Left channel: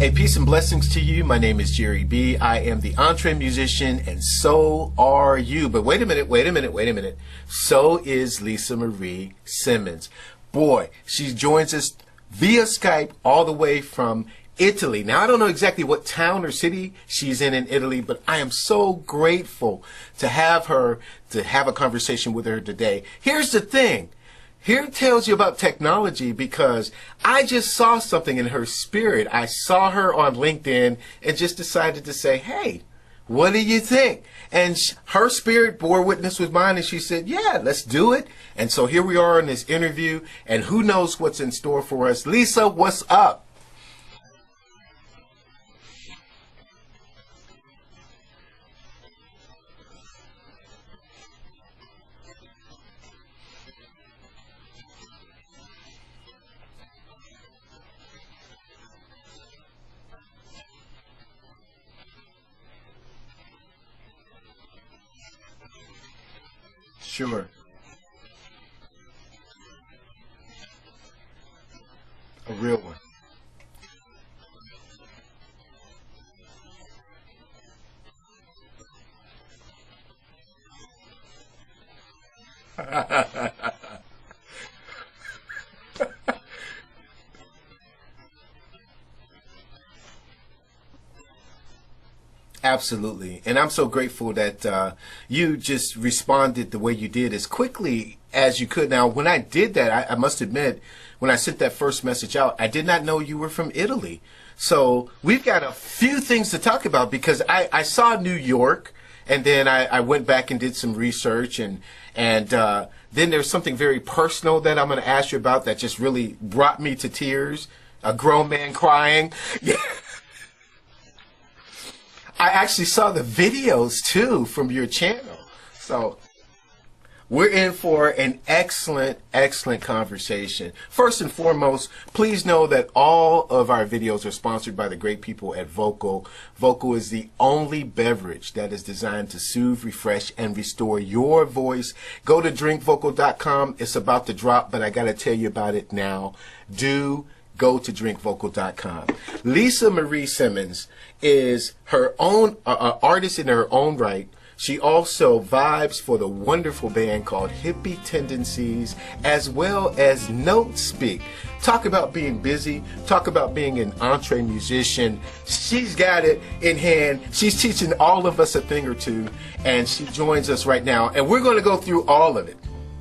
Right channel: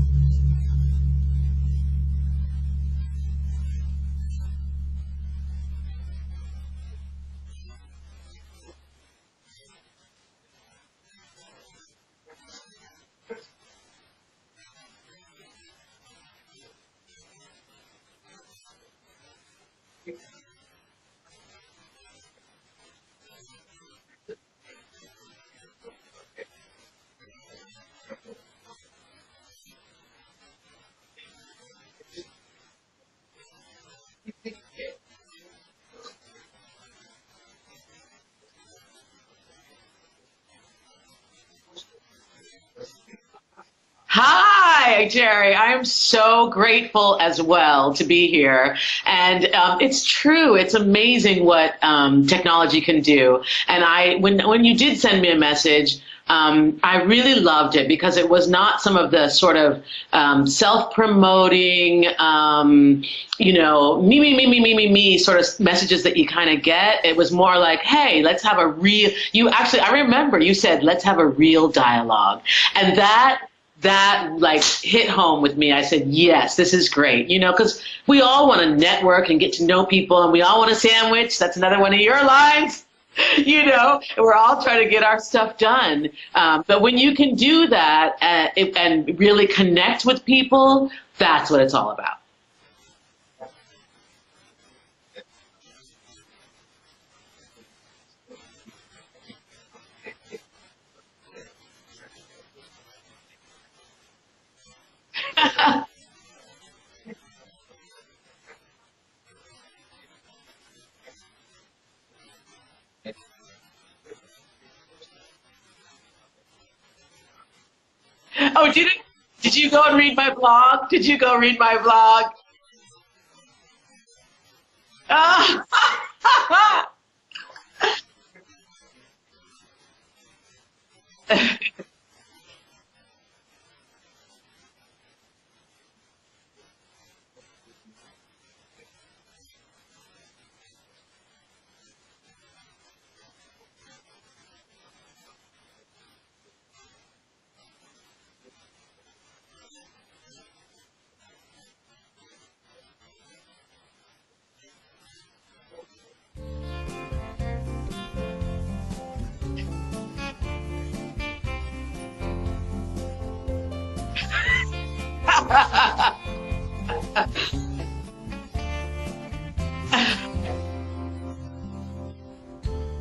Hey, peace and blessings to you. My name is Jere B. I am the EntreMusician, and so are you. But wait a minute. So is Lisa Marie Simmons. Boy, she joins us via Skype all the way from Italy. Now, I don't know exactly what town or city she's in Italy, but I am so grateful to have her, to have a conversation with her today. Here's the thing. Here it tells you about technology because I just saw something in her spirit. I saw her on LinkedIn and just decided to say, hey, what do you think? And her spirit bore witness with mine, and she said, yeah, let's do it. And so here we are in this interview, and who knows what's in store for us. Lisa, what's up? Hi, Jere. I am so grateful as well to be here. And it's true. It's amazing what technology can do. And when you did send me a message, I really loved it because it was not some of the sort of self-promoting, me sort of messages that you kind of get. It was more like, hey, let's have a real, I remember you said, let's have a real dialogue. And that like hit home with me. I said, yes, this is great, because we all want to network and get to know people, and we all want a sandwich. That's another one of your lines, we're all trying to get our stuff done. But when you can do that and really connect with people, that's what it's all about. Absolutely. And I'm so grateful that you just responded the way you did as quickly as you could. Now, when I did that, I must admit, when I sent that first message out, I did not know you were from Italy. So we've got a few things to talk about because I saw New York, and then I went back and did some research, and then there's something very personal that I'm going to ask you about that just really brought me to tears. A grown man crying. Did you go and read my blog? I actually saw the videos, too, from your channel. So we're in for an excellent, excellent conversation. First and foremost, please know that all of our videos are sponsored by the great people at Vocal. Vocal is the only beverage that is designed to soothe, refresh, and restore your voice. Go to drinkvocal.com. It's about to drop, but I got to tell you about it now. Do go to drinkvocal.com. Lisa Marie Simmons is her own artist in her own right. She also vibes for the wonderful band called Hippie Tendencies, as well as Notespeak. Talk about being busy. Talk about being an EntreMusician. She's got it in hand. She's teaching all of us a thing or two, and she joins us right now. And we're going to go through all of it.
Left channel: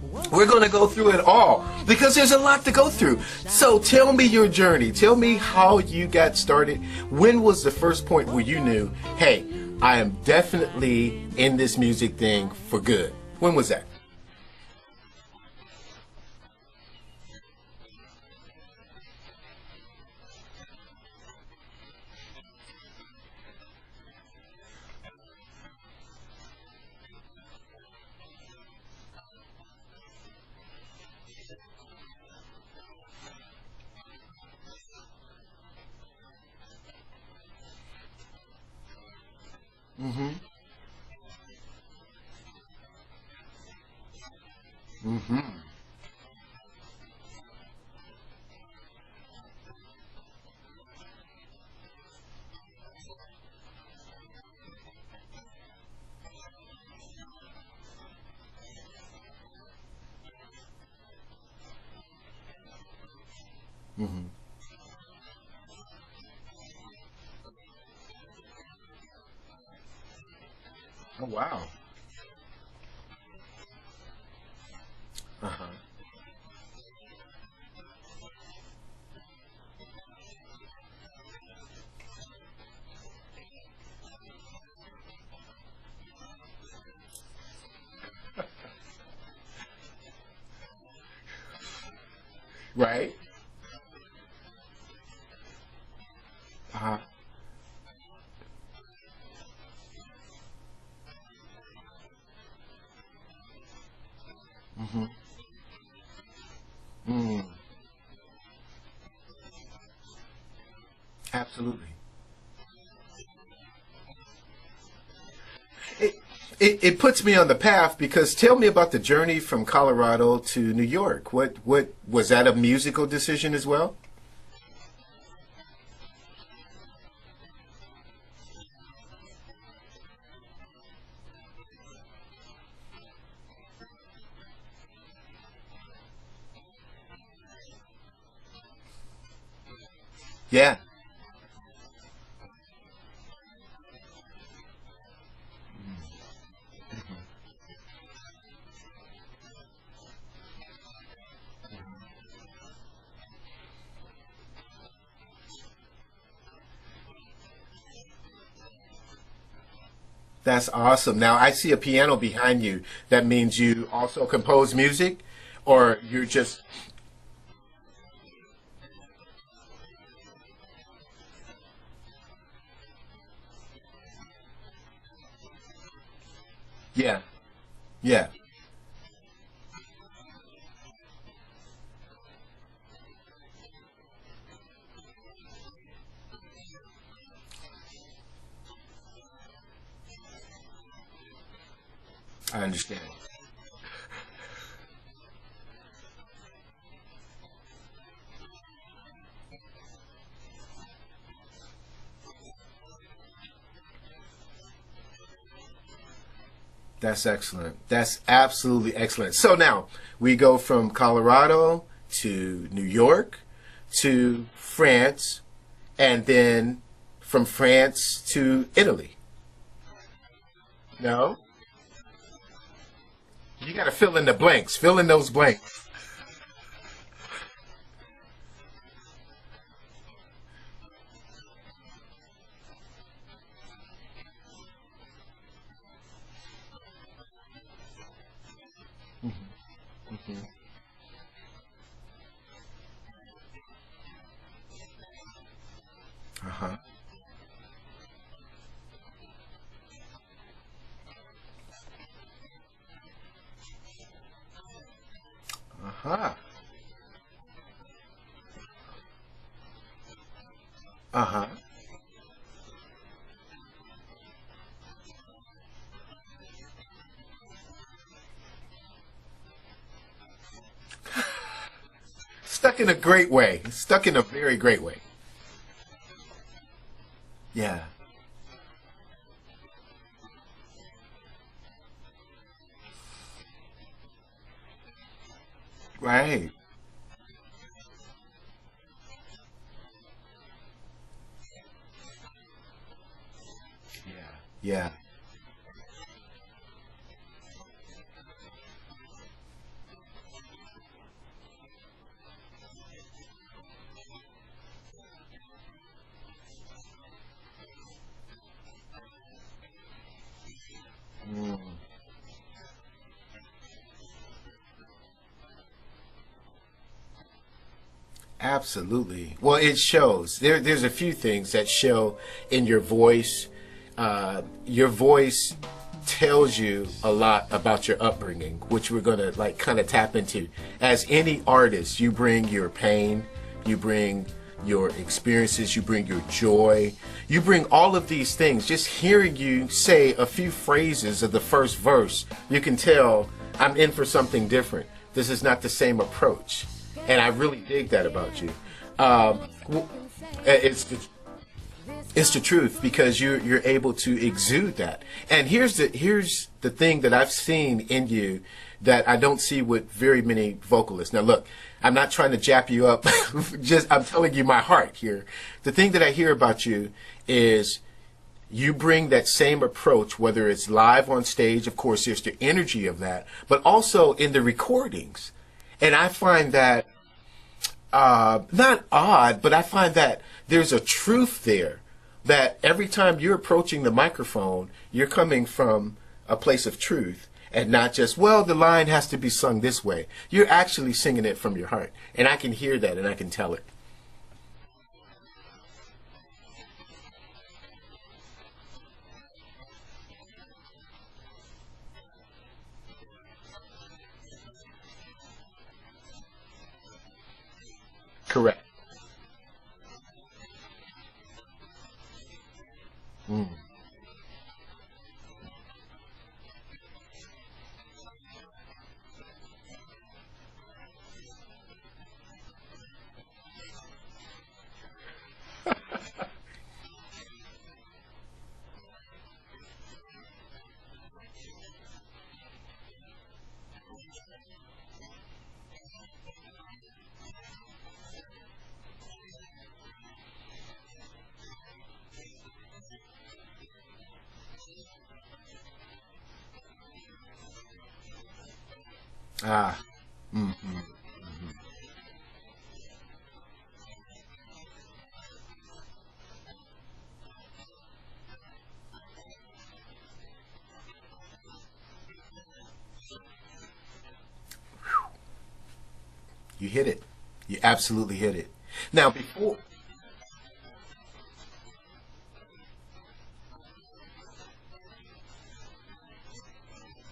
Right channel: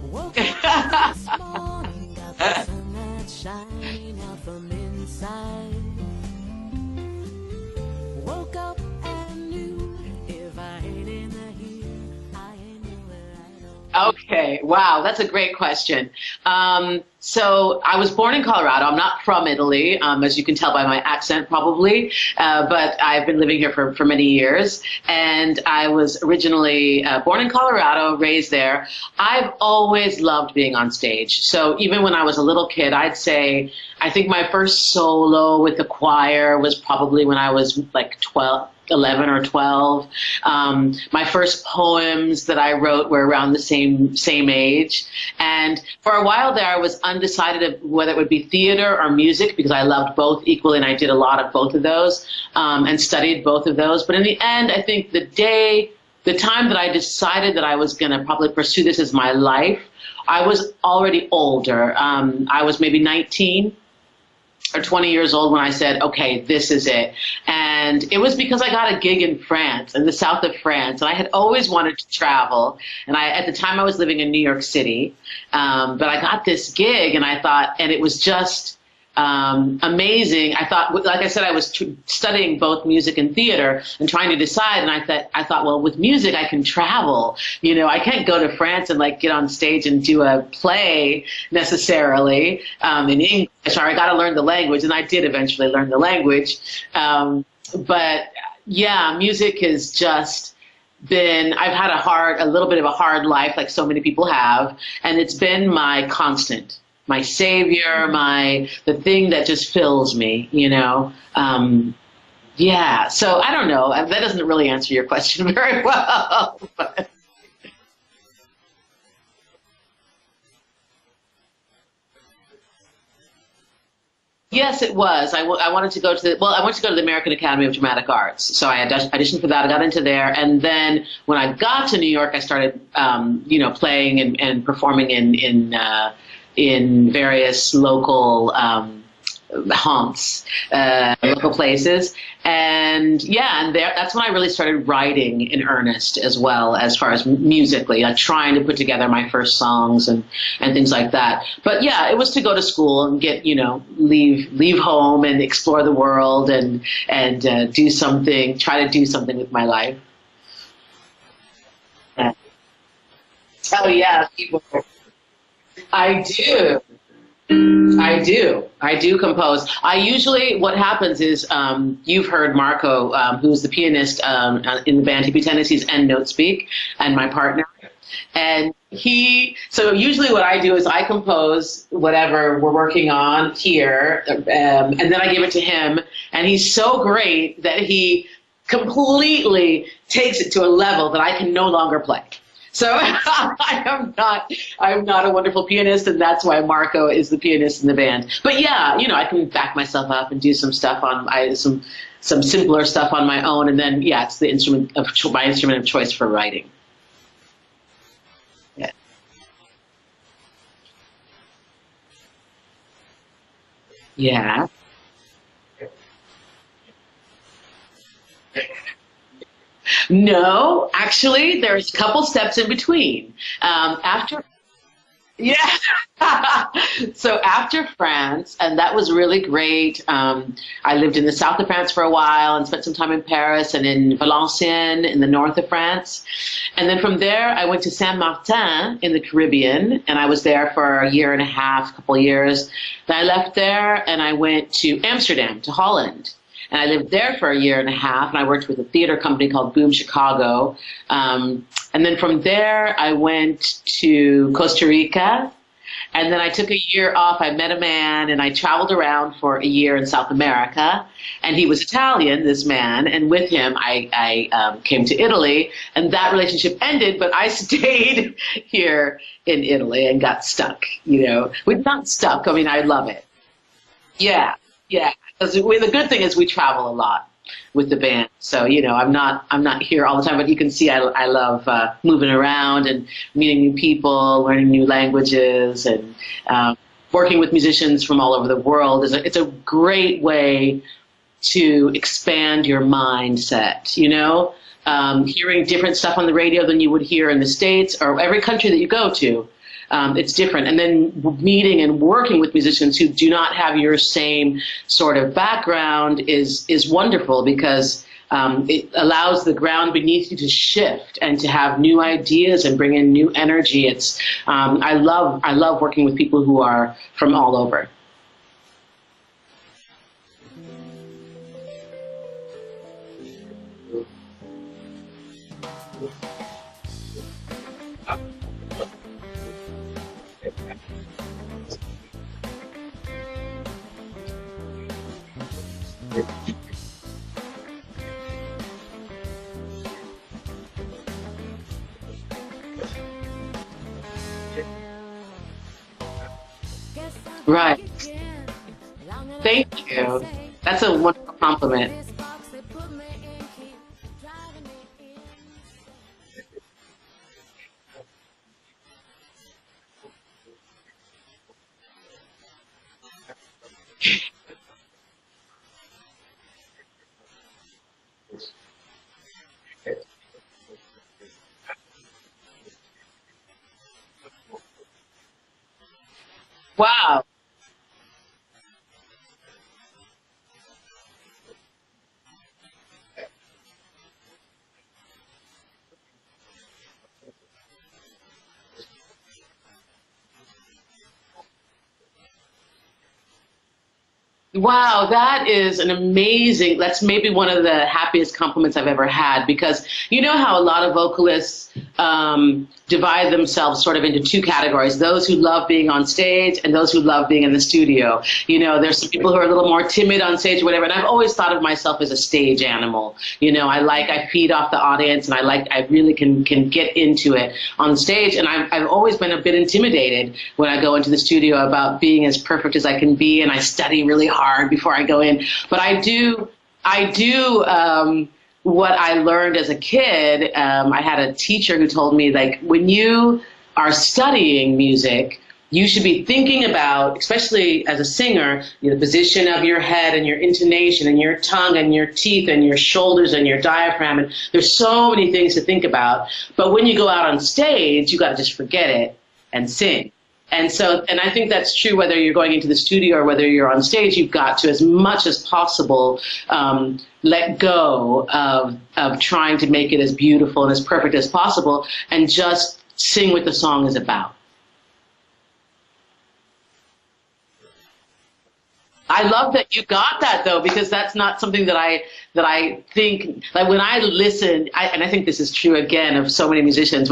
We're going to go through it all because there's a lot to go through. So tell me your journey. Tell me how you got started. When was the first point where you knew, hey, I am definitely in this music thing for good? When was that? Okay. Wow. That's a great question. So I was born in Colorado. I'm not from Italy, as you can tell by my accent probably, but I've been living here for many years. And I was originally born in Colorado, raised there. I've always loved being on stage. So even when I was a little kid, I'd say, I think my first solo with the choir was probably when I was like 11 or 12. Mm-hmm. My first poems that I wrote were around the same age. Mm-hmm. And for a while there, I was undecided of whether it would be theater or music because I loved both equally, and I did a lot of both of those and studied both of those. But in the end, I think the time that I decided that I was going to probably pursue this as my life, I was already older. I was maybe 19. Or 20 years old when I said, okay, this is it. And it was because I got a gig in France, in the south of France. And I had always wanted to travel. And at the time I was living in New York City. But I got this gig and I thought, and it was just amazing. I thought, like I said, I was studying both music and theater and trying to decide. And I thought, well, with music, I can travel. I can't go to France and like get on stage and do a play necessarily in English. Or I got to learn the language, and I did eventually learn the language. But yeah, music has just been. I've had a little bit of a hard life, like so many people have, and it's been my constant. My savior, the thing that just fills me, Yeah, so I don't know. That doesn't really answer your question very well. It puts me on the path because tell me about the journey from Colorado to New York. What was that a musical decision as well? Yes, it was. I wanted to go to I went to go to the American Academy of Dramatic Arts. So I auditioned for that. I got into there. And then when I got to New York, I started, playing and performing in various local, haunts, local places. And that's when I really started writing in earnest as well, as far as musically, like trying to put together my first songs and things like that. But yeah, it was to go to school and get, leave home and explore the world and try to do something with my life. That's awesome. Now I see a piano behind you. That means you compose music, or I do. I do compose. What happens is, you've heard Marco, who's the pianist in the band Hippie Tendencies and Notespeak, and my partner. Yeah. And so usually what I do is I compose whatever we're working on here, and then I give it to him, and he's so great that he completely takes it to a level that I can no longer play. So I'm not a wonderful pianist, and that's why Marco is the pianist in the band. But yeah, I can back myself up and do some stuff on some simpler stuff on my own, and then it's my instrument of choice for writing. That's excellent. That's absolutely excellent. So now we go from Colorado to New York to France, and then from France to Italy. No, actually, there's a couple steps in between. Fill in the blanks. Fill in those blanks. Yeah. So after France, and that was really great. I lived in the south of France for a while and spent some time in Paris and in Valenciennes in the north of France. And then from there, I went to Saint Martin in the Caribbean, and I was there for a year and a half, couple of years. Then I left there, and I went to Amsterdam, to Holland. And I lived there for a year and a half, and I worked with a theater company called Boom Chicago. And then from there, I went to Costa Rica. And then I took a year off. I met a man, and I traveled around for a year in South America. And he was Italian, this man. And with him, I came to Italy. And that relationship ended, but I stayed here in Italy and got stuck. We're not stuck. I mean, I love it. Stuck in a great way. Stuck in a very great way. Yeah. Because the good thing is we travel a lot. With the band, so I'm not here all the time, but you can see I love moving around and meeting new people, learning new languages, and working with musicians from all over the world. It's a great way to expand your mindset. Hearing different stuff on the radio than you would hear in the States or every country that you go to. It's different. And then meeting and working with musicians who do not have your same sort of background is wonderful, because it allows the ground beneath you to shift and to have new ideas and bring in new energy. I love working with people who are from all over. Absolutely. Well, it shows. There's a few things that show in your voice. Your voice tells you a lot about your upbringing, which we're going to kind of tap into. As any artist, you bring your pain, you bring your experiences, you bring your joy, you bring all of these things. Just hearing you say a few phrases of the first verse, you can tell I'm in for something different. This is not the same approach. And I really like that about you. Thank you. That's a wonderful compliment. It's the truth, because you're able to exude that. And here's the thing that I've seen in you that I don't see with very many vocalists. Now look, I'm not trying to jap you up. I'm telling you my heart here. The thing that I hear about you is you bring that same approach, whether it's live on stage, of course there's the energy of that, but also in the recordings. And I find that not odd, but I find that there's a truth there, that every time you're approaching the microphone, you're coming from a place of truth and not just, well, the line has to be sung this way. You're actually singing it from your heart. And I can hear that and I can tell it. Wow, that is that's maybe one of the happiest compliments I've ever had, because you know how a lot of vocalists divide themselves sort of into two categories: those who love being on stage and those who love being in the studio. Correct. There's some people who are a little more timid on stage or whatever, and I've always thought of myself as a stage animal. I feed off the audience, and I really can get into it on stage, and I've always been a bit intimidated when I go into the studio about being as perfect as I can be, and I study really hard before I go in. But I do, what I learned as a kid, I had a teacher who told me, like, when you are studying music, you should be thinking about, especially as a singer, the position of your head and your intonation and your tongue and your teeth and your shoulders and your diaphragm. And there's so many things to think about. But when you go out on stage, you got to just forget it and sing. And so, and I think that's true whether you're going into the studio or whether you're on stage. You've got to, as much as possible, let go of trying to make it as beautiful and as perfect as possible and just sing what the song is about. You hit it. You absolutely hit it. Now, I love that you got that, though, because that's not something that I think, like, when I listen, and I think this is true again of so many musicians,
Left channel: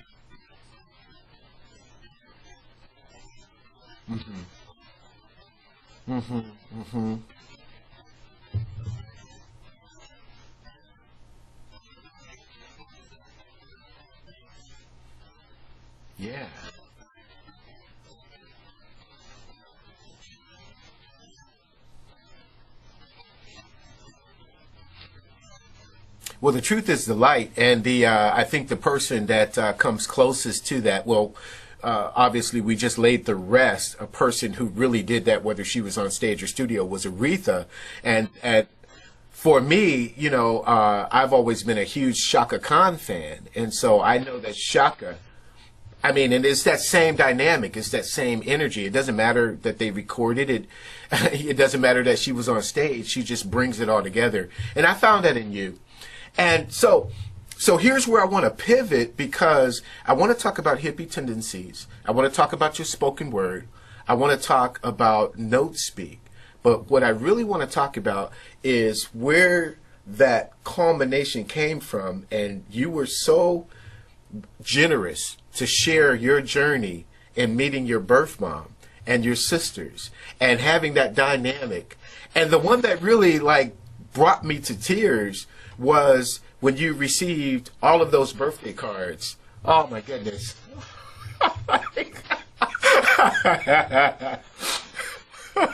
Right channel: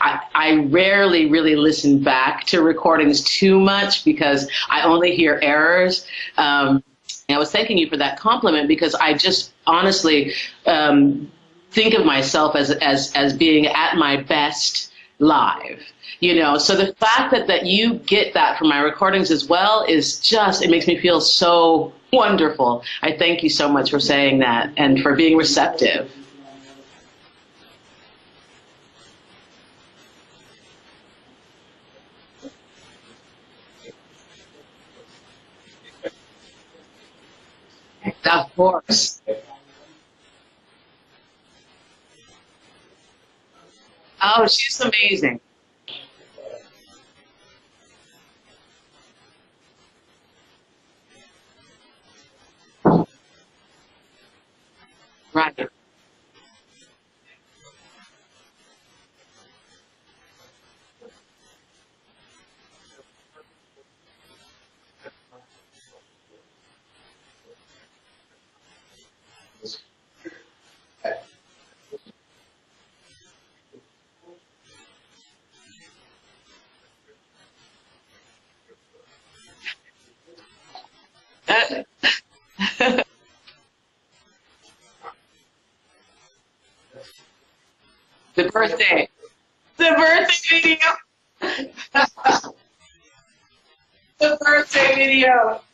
I rarely really listen back to recordings too much because I only hear errors. And I was thanking you for that compliment because I just honestly think of myself as being at my best live. So the fact that you get that from my recordings as well is just, it makes me feel so wonderful. I thank you so much for saying that and for being receptive. Well, the truth is the light, and I think the person that comes closest to that, obviously we just laid the rest. A person who really did that, whether she was on stage or studio, was Aretha. And of course. For me, I've always been a huge Chaka Khan fan, and so I know she's Chaka, amazing. I mean, and it's that same dynamic. It's that same energy. It doesn't matter that they recorded it. It doesn't matter that she was on stage. She just brings it all together. And I found that in you. And so here's where I want to pivot because I want to talk about Hippie Tendencies. I want to talk about your spoken word. I want to talk about Notespeak. But what I really want to talk about is where that culmination came from. And you were so generous to share your journey in meeting your birth mom and your sisters and having that dynamic. And the one that really brought me to tears was when you received all of those birthday cards. Oh, the birthday video. The birthday video.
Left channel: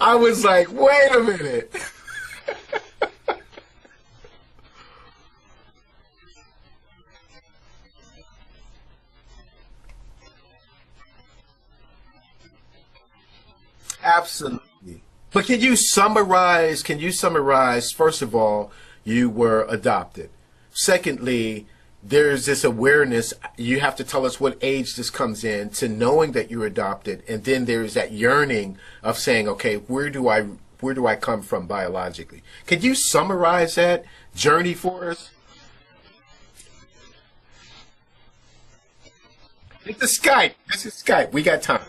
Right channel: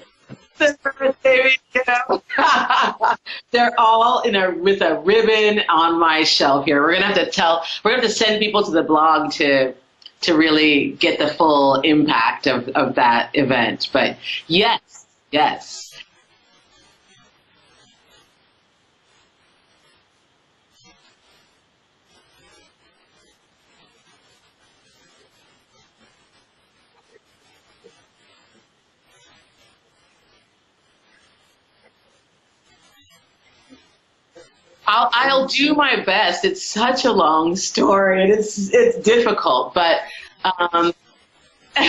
I was like, wait a minute. They're all with a ribbon on my shelf here. We're gonna have to send people to the blog to really get the full impact of that event. But absolutely. Yes. But can you summarize, first of all, you were adopted. Secondly, there's this awareness, you have to tell us what age this comes in, to knowing that you're adopted, and then there's that yearning of saying, okay, where do I come from biologically? Can you summarize that journey for us? I'll do my best. It's such a long story, and it's difficult, but it's Skype. We got time.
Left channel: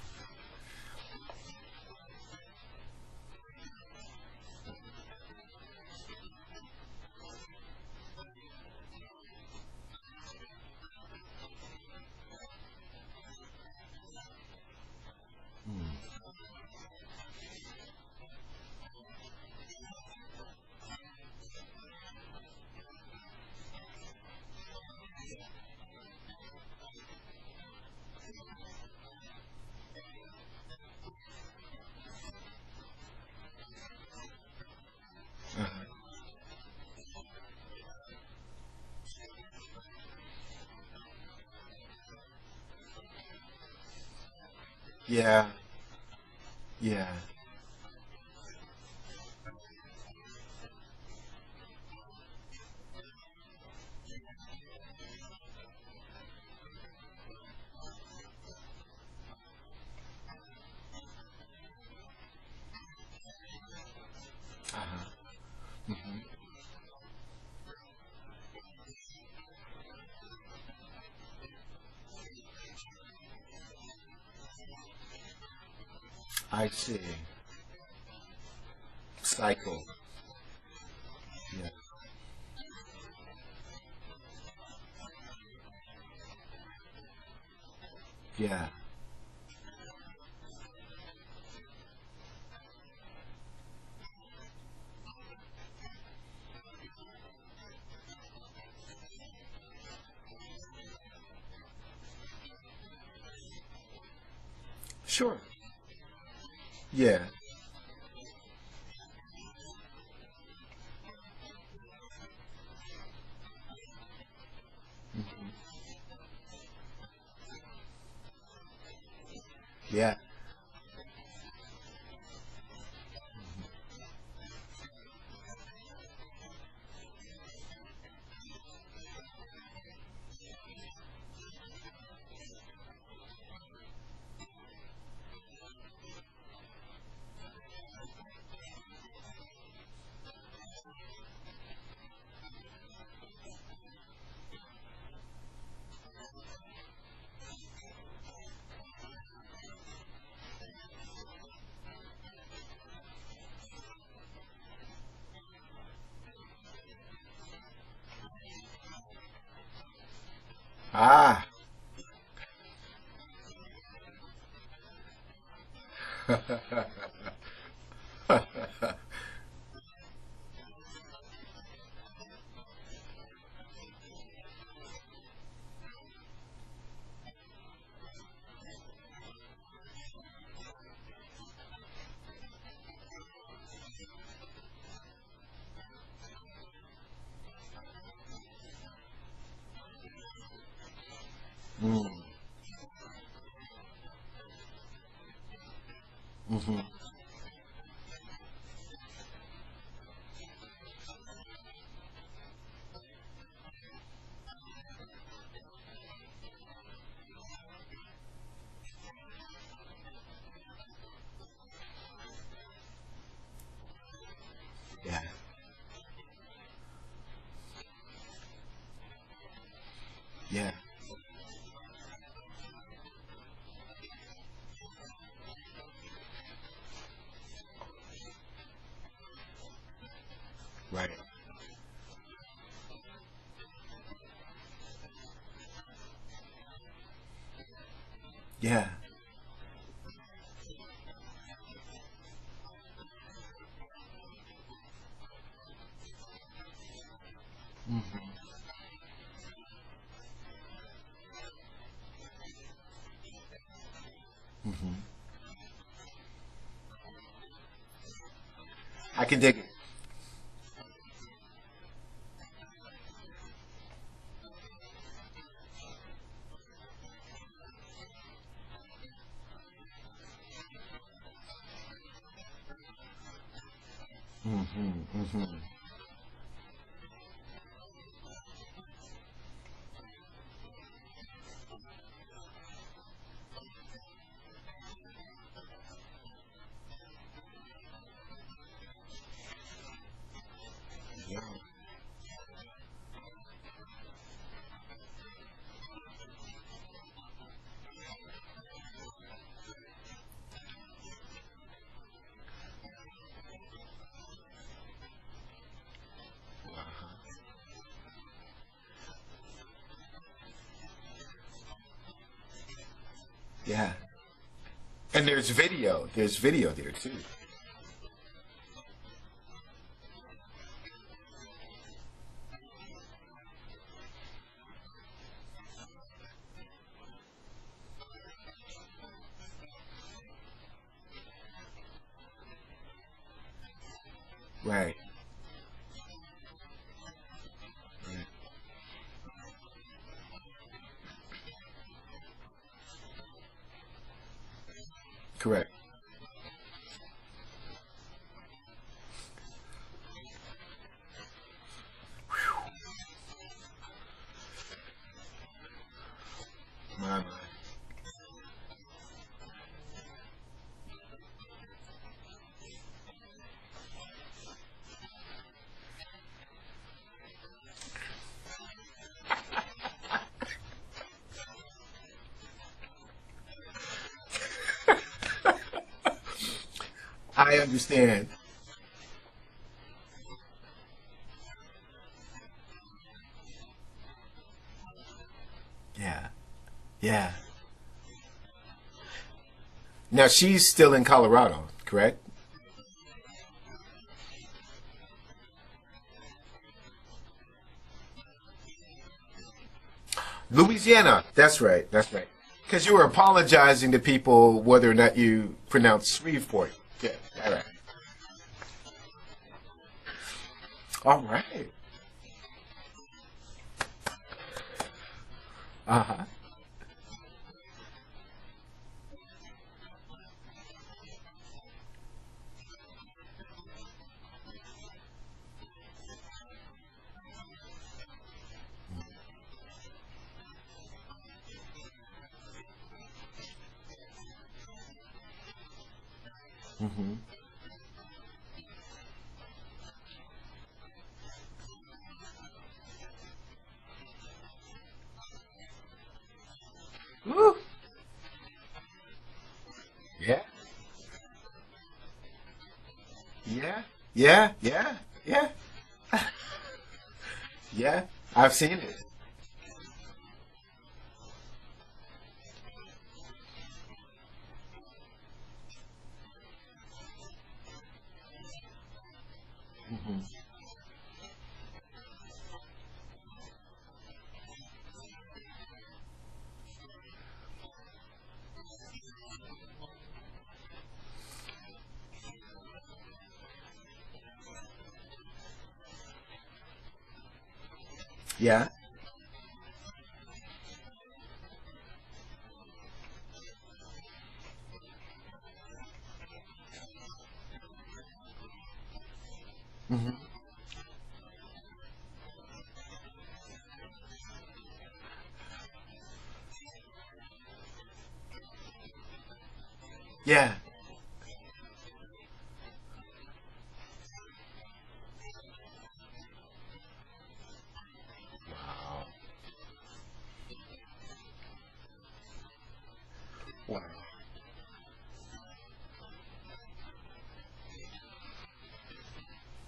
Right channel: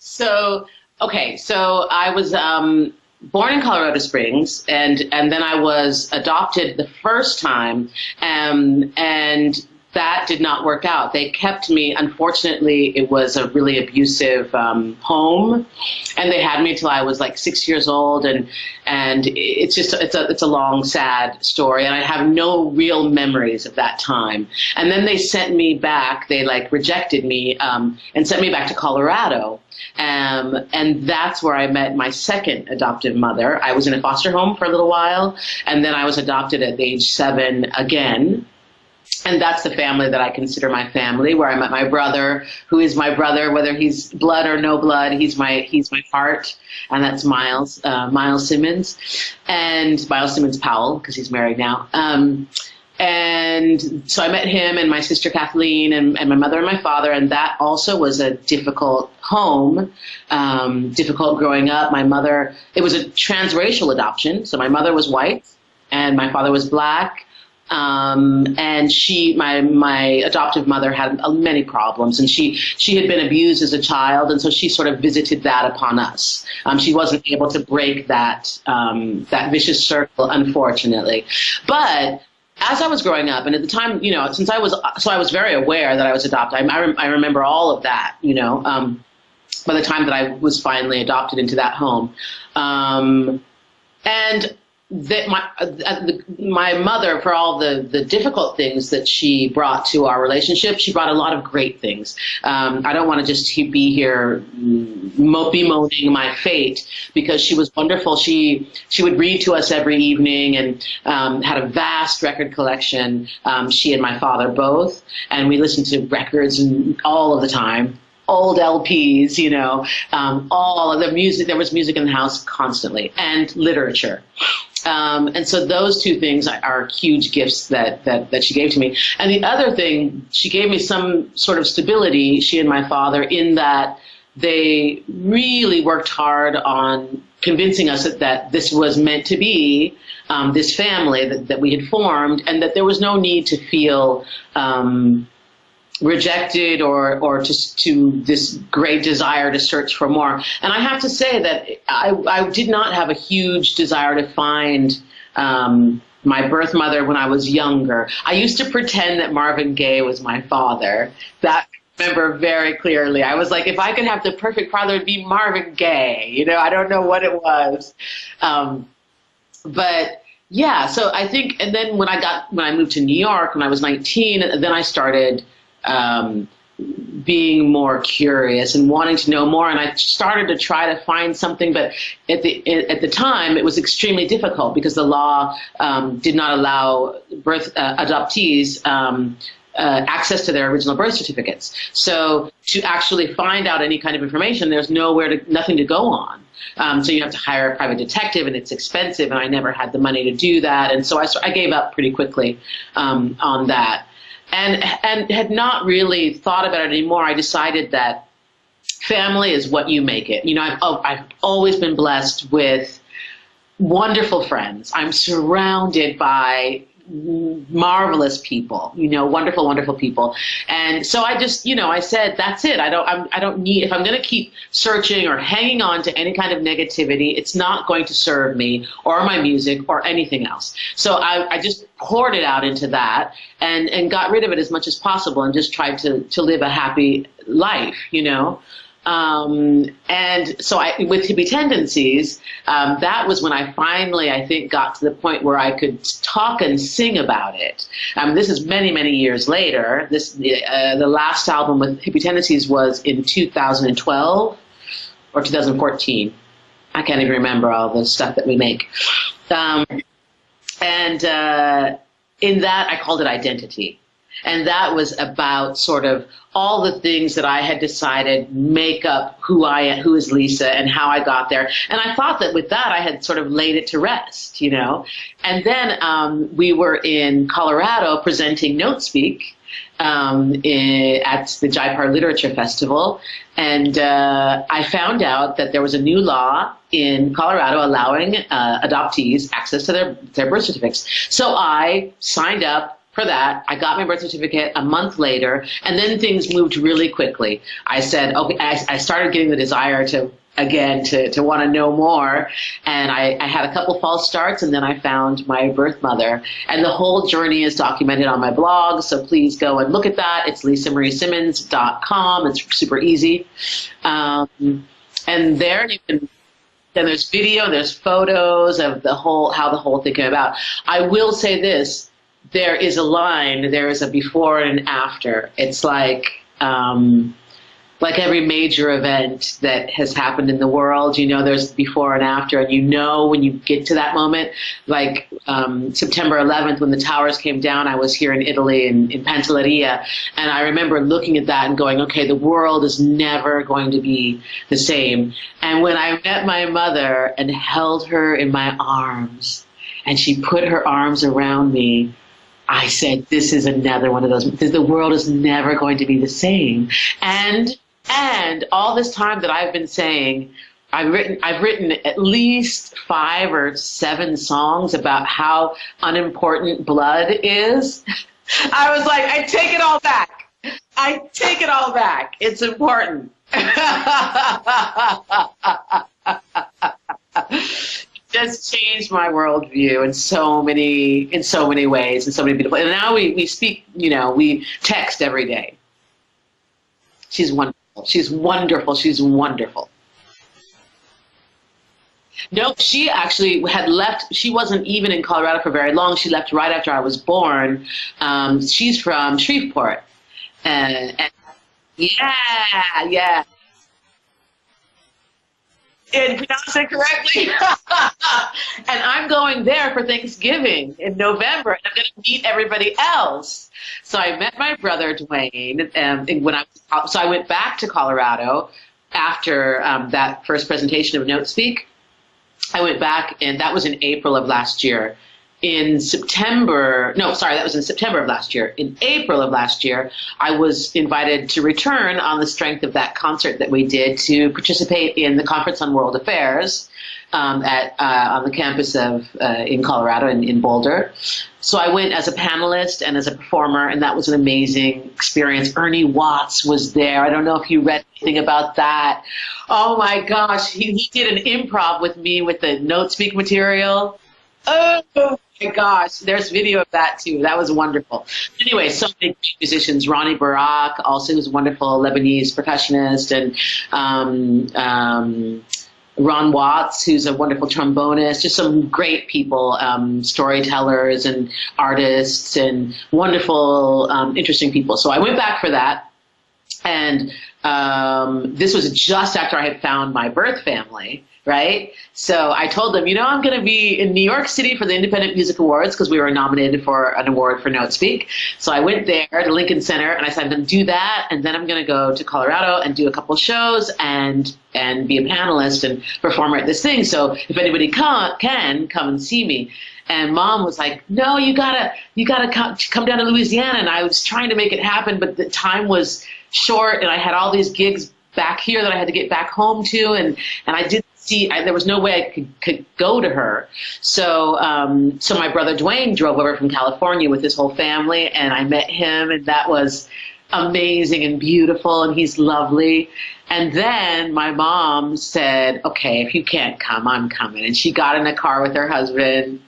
So I was born in Colorado Springs, and then I was adopted the first time, and that did not work out. They kept me. Unfortunately, it was a really abusive home, and they had me till I was 6 years old, and it's a long, sad story, and I have no real memories of that time. And then they sent me back. They rejected me and sent me back to Colorado. And that's where I met my second adoptive mother. I was in a foster home for a little while, and then I was adopted at age 7 again. And that's the family that I consider my family, where I met my brother, who is my brother, whether he's blood or no blood. Yeah. He's my heart, and that's Miles Simmons, and Miles Simmons Powell, because he's married now. And so I met him and my sister Kathleen and my mother and my father, and that also was a difficult home, difficult growing up. My mother, it was a transracial adoption, so my mother was white and my father was black. And my adoptive mother had many problems, and she had been abused as a child, and so she sort of visited that upon us. She wasn't able to break that vicious circle, unfortunately. But as I was growing up, and at the time, since I was very aware that I was adopted. I remember all of that, by the time that I was finally adopted into that home. And that my mother, for all the difficult things that she brought to our relationship, she brought a lot of great things. I don't want to just be here bemoaning my fate, because she was wonderful. She would read to us every evening, and had a vast record collection. She and my father both, and we listened to records all of the time. Old LPs, you know, all of the music. There was music in the house constantly, and literature. And so those two things are huge gifts that she gave to me. And the other thing, she gave me some sort of stability, she and my father, in that they really worked hard on convincing us that this was meant to be, this family that we had formed, and that there was no need to feel rejected or to this great desire to search for more. And I have to say that I did not have a huge desire to find my birth mother when I was younger. I used to pretend that Marvin Gaye was my father. That I remember very clearly. I was like, if I could have the perfect father, it'd be Marvin Gaye. You know, I don't know what it was. But yeah, so I think, and then when I moved to New York when I was 19, then I started being more curious and wanting to know more, and I started to try to find something, but at the time it was extremely difficult because the law did not allow adoptees access to their original birth certificates. So to actually find out any kind of information, there's nothing to go on. So you have to hire a private detective, and it's expensive, and I never had the money to do that, and so I gave up pretty quickly on that. And had not really thought about it anymore. I decided that family is what you make it. You know, I've always been blessed with wonderful friends. I'm surrounded by marvelous people, you know, wonderful, wonderful people. And so I just, you know, I said, that's it. I don't need, if I'm going to keep searching or hanging on to any kind of negativity, it's not going to serve me or my music or anything else. So I just poured it out into that and got rid of it as much as possible and just tried to live a happy life, you know? And so with Hippie Tendencies, that was when I finally, I think, got to the point where I could talk and sing about it. This is many, many years later. The last album with Hippie Tendencies was in 2012 or 2014. I can't even remember all the stuff that we make. I can dig and in that, I called it Identity. And that was about sort of all the things that I had decided make up who I am, who is Lisa, and how I got there. And I thought that with that, I had sort of laid it to rest, you know. And then we were in Colorado presenting Notespeak at the Jaipur Literature Festival. And I found out that there was a new law in Colorado allowing adoptees access to their birth certificates. So I signed up for that. I got my birth certificate a month later, and then things moved really quickly. I said, okay, I started getting the desire to want to know more, and I had a couple false starts, and then I found my birth mother, and the whole journey is documented on my blog, so please go and look at that. It's lisamariesimmons.com. It's super easy. And there's video there. Then there's video, and there's photos of how the whole thing came about. I will say this. There is a line, there is a before and an after. It's like every major event that has happened in the world, you know, there's before and after, and you know when you get to that moment, like September 11th when the towers came down, I was here in Italy in Pantelleria, and I remember looking at that and going, okay, the world is never going to be the same. And when I met my mother and held her in my arms, and she put her arms around me, I said, this is another one of those, the world is never going to be the same. And all this time that I've been saying, I've written at least 5 or 7 songs about how unimportant blood is. I was like, I take it all back. I take it all back. It's important. I understand. Just changed my worldview in so many ways, and so many beautiful. And now we speak, you know, we text every day. Yeah. She's wonderful. She's wonderful. She's wonderful. Now she's still in Colorado, correct? No, she actually had left. She wasn't even in Colorado for very long. She left right after I was born. She's from Shreveport. Louisiana. That's right. That's yeah, right. Because you were apologizing to people whether or not you pronounce it correctly. And I'm going there for Thanksgiving in November, and I'm going to meet everybody else. So I met my brother Dwayne, so I went back to Colorado after that first presentation of Notespeak. I went back, and that was in April of last year. That was in September of last year. In April of last year, I was invited to return on the strength of that concert that we did to participate in the Conference on World Affairs on the campus in Colorado, in Boulder. So I went as a panelist and as a performer, and that was an amazing experience. Ernie Watts was there. I don't know if you read anything about that. Oh, my gosh. He did an improv with me with the Notespeak material. Yeah. Oh, my gosh. There's video of that, too. That was wonderful. Anyway, so many great musicians. Ronnie Barak, also, who's a wonderful Lebanese percussionist, and Ron Watts, who's a wonderful trombonist, just some great people, storytellers and artists and wonderful, interesting people. So I went back for that. And this was just after I had found my birth family, right? So I told them, I'm going to be in New York City for the Independent Music Awards because we were nominated for an award for Notespeak. Yeah. So I went there to Lincoln Center, and I said, I'm going to do that, and then I'm going to go to Colorado and do a couple shows and be a panelist and performer at this thing. So if anybody can come and see me. And Mom was like, no, you gotta come down to Louisiana. And I was trying to make it happen, but the time was short, and I had all these gigs back here that I had to get back home to, and I didn't see. There was no way I could go to her. So my brother Dwayne drove over from California with his whole family, and I met him, and that was amazing and beautiful, and he's lovely. And then my mom said, okay, if you can't come, I'm coming. And she got in a car with her husband,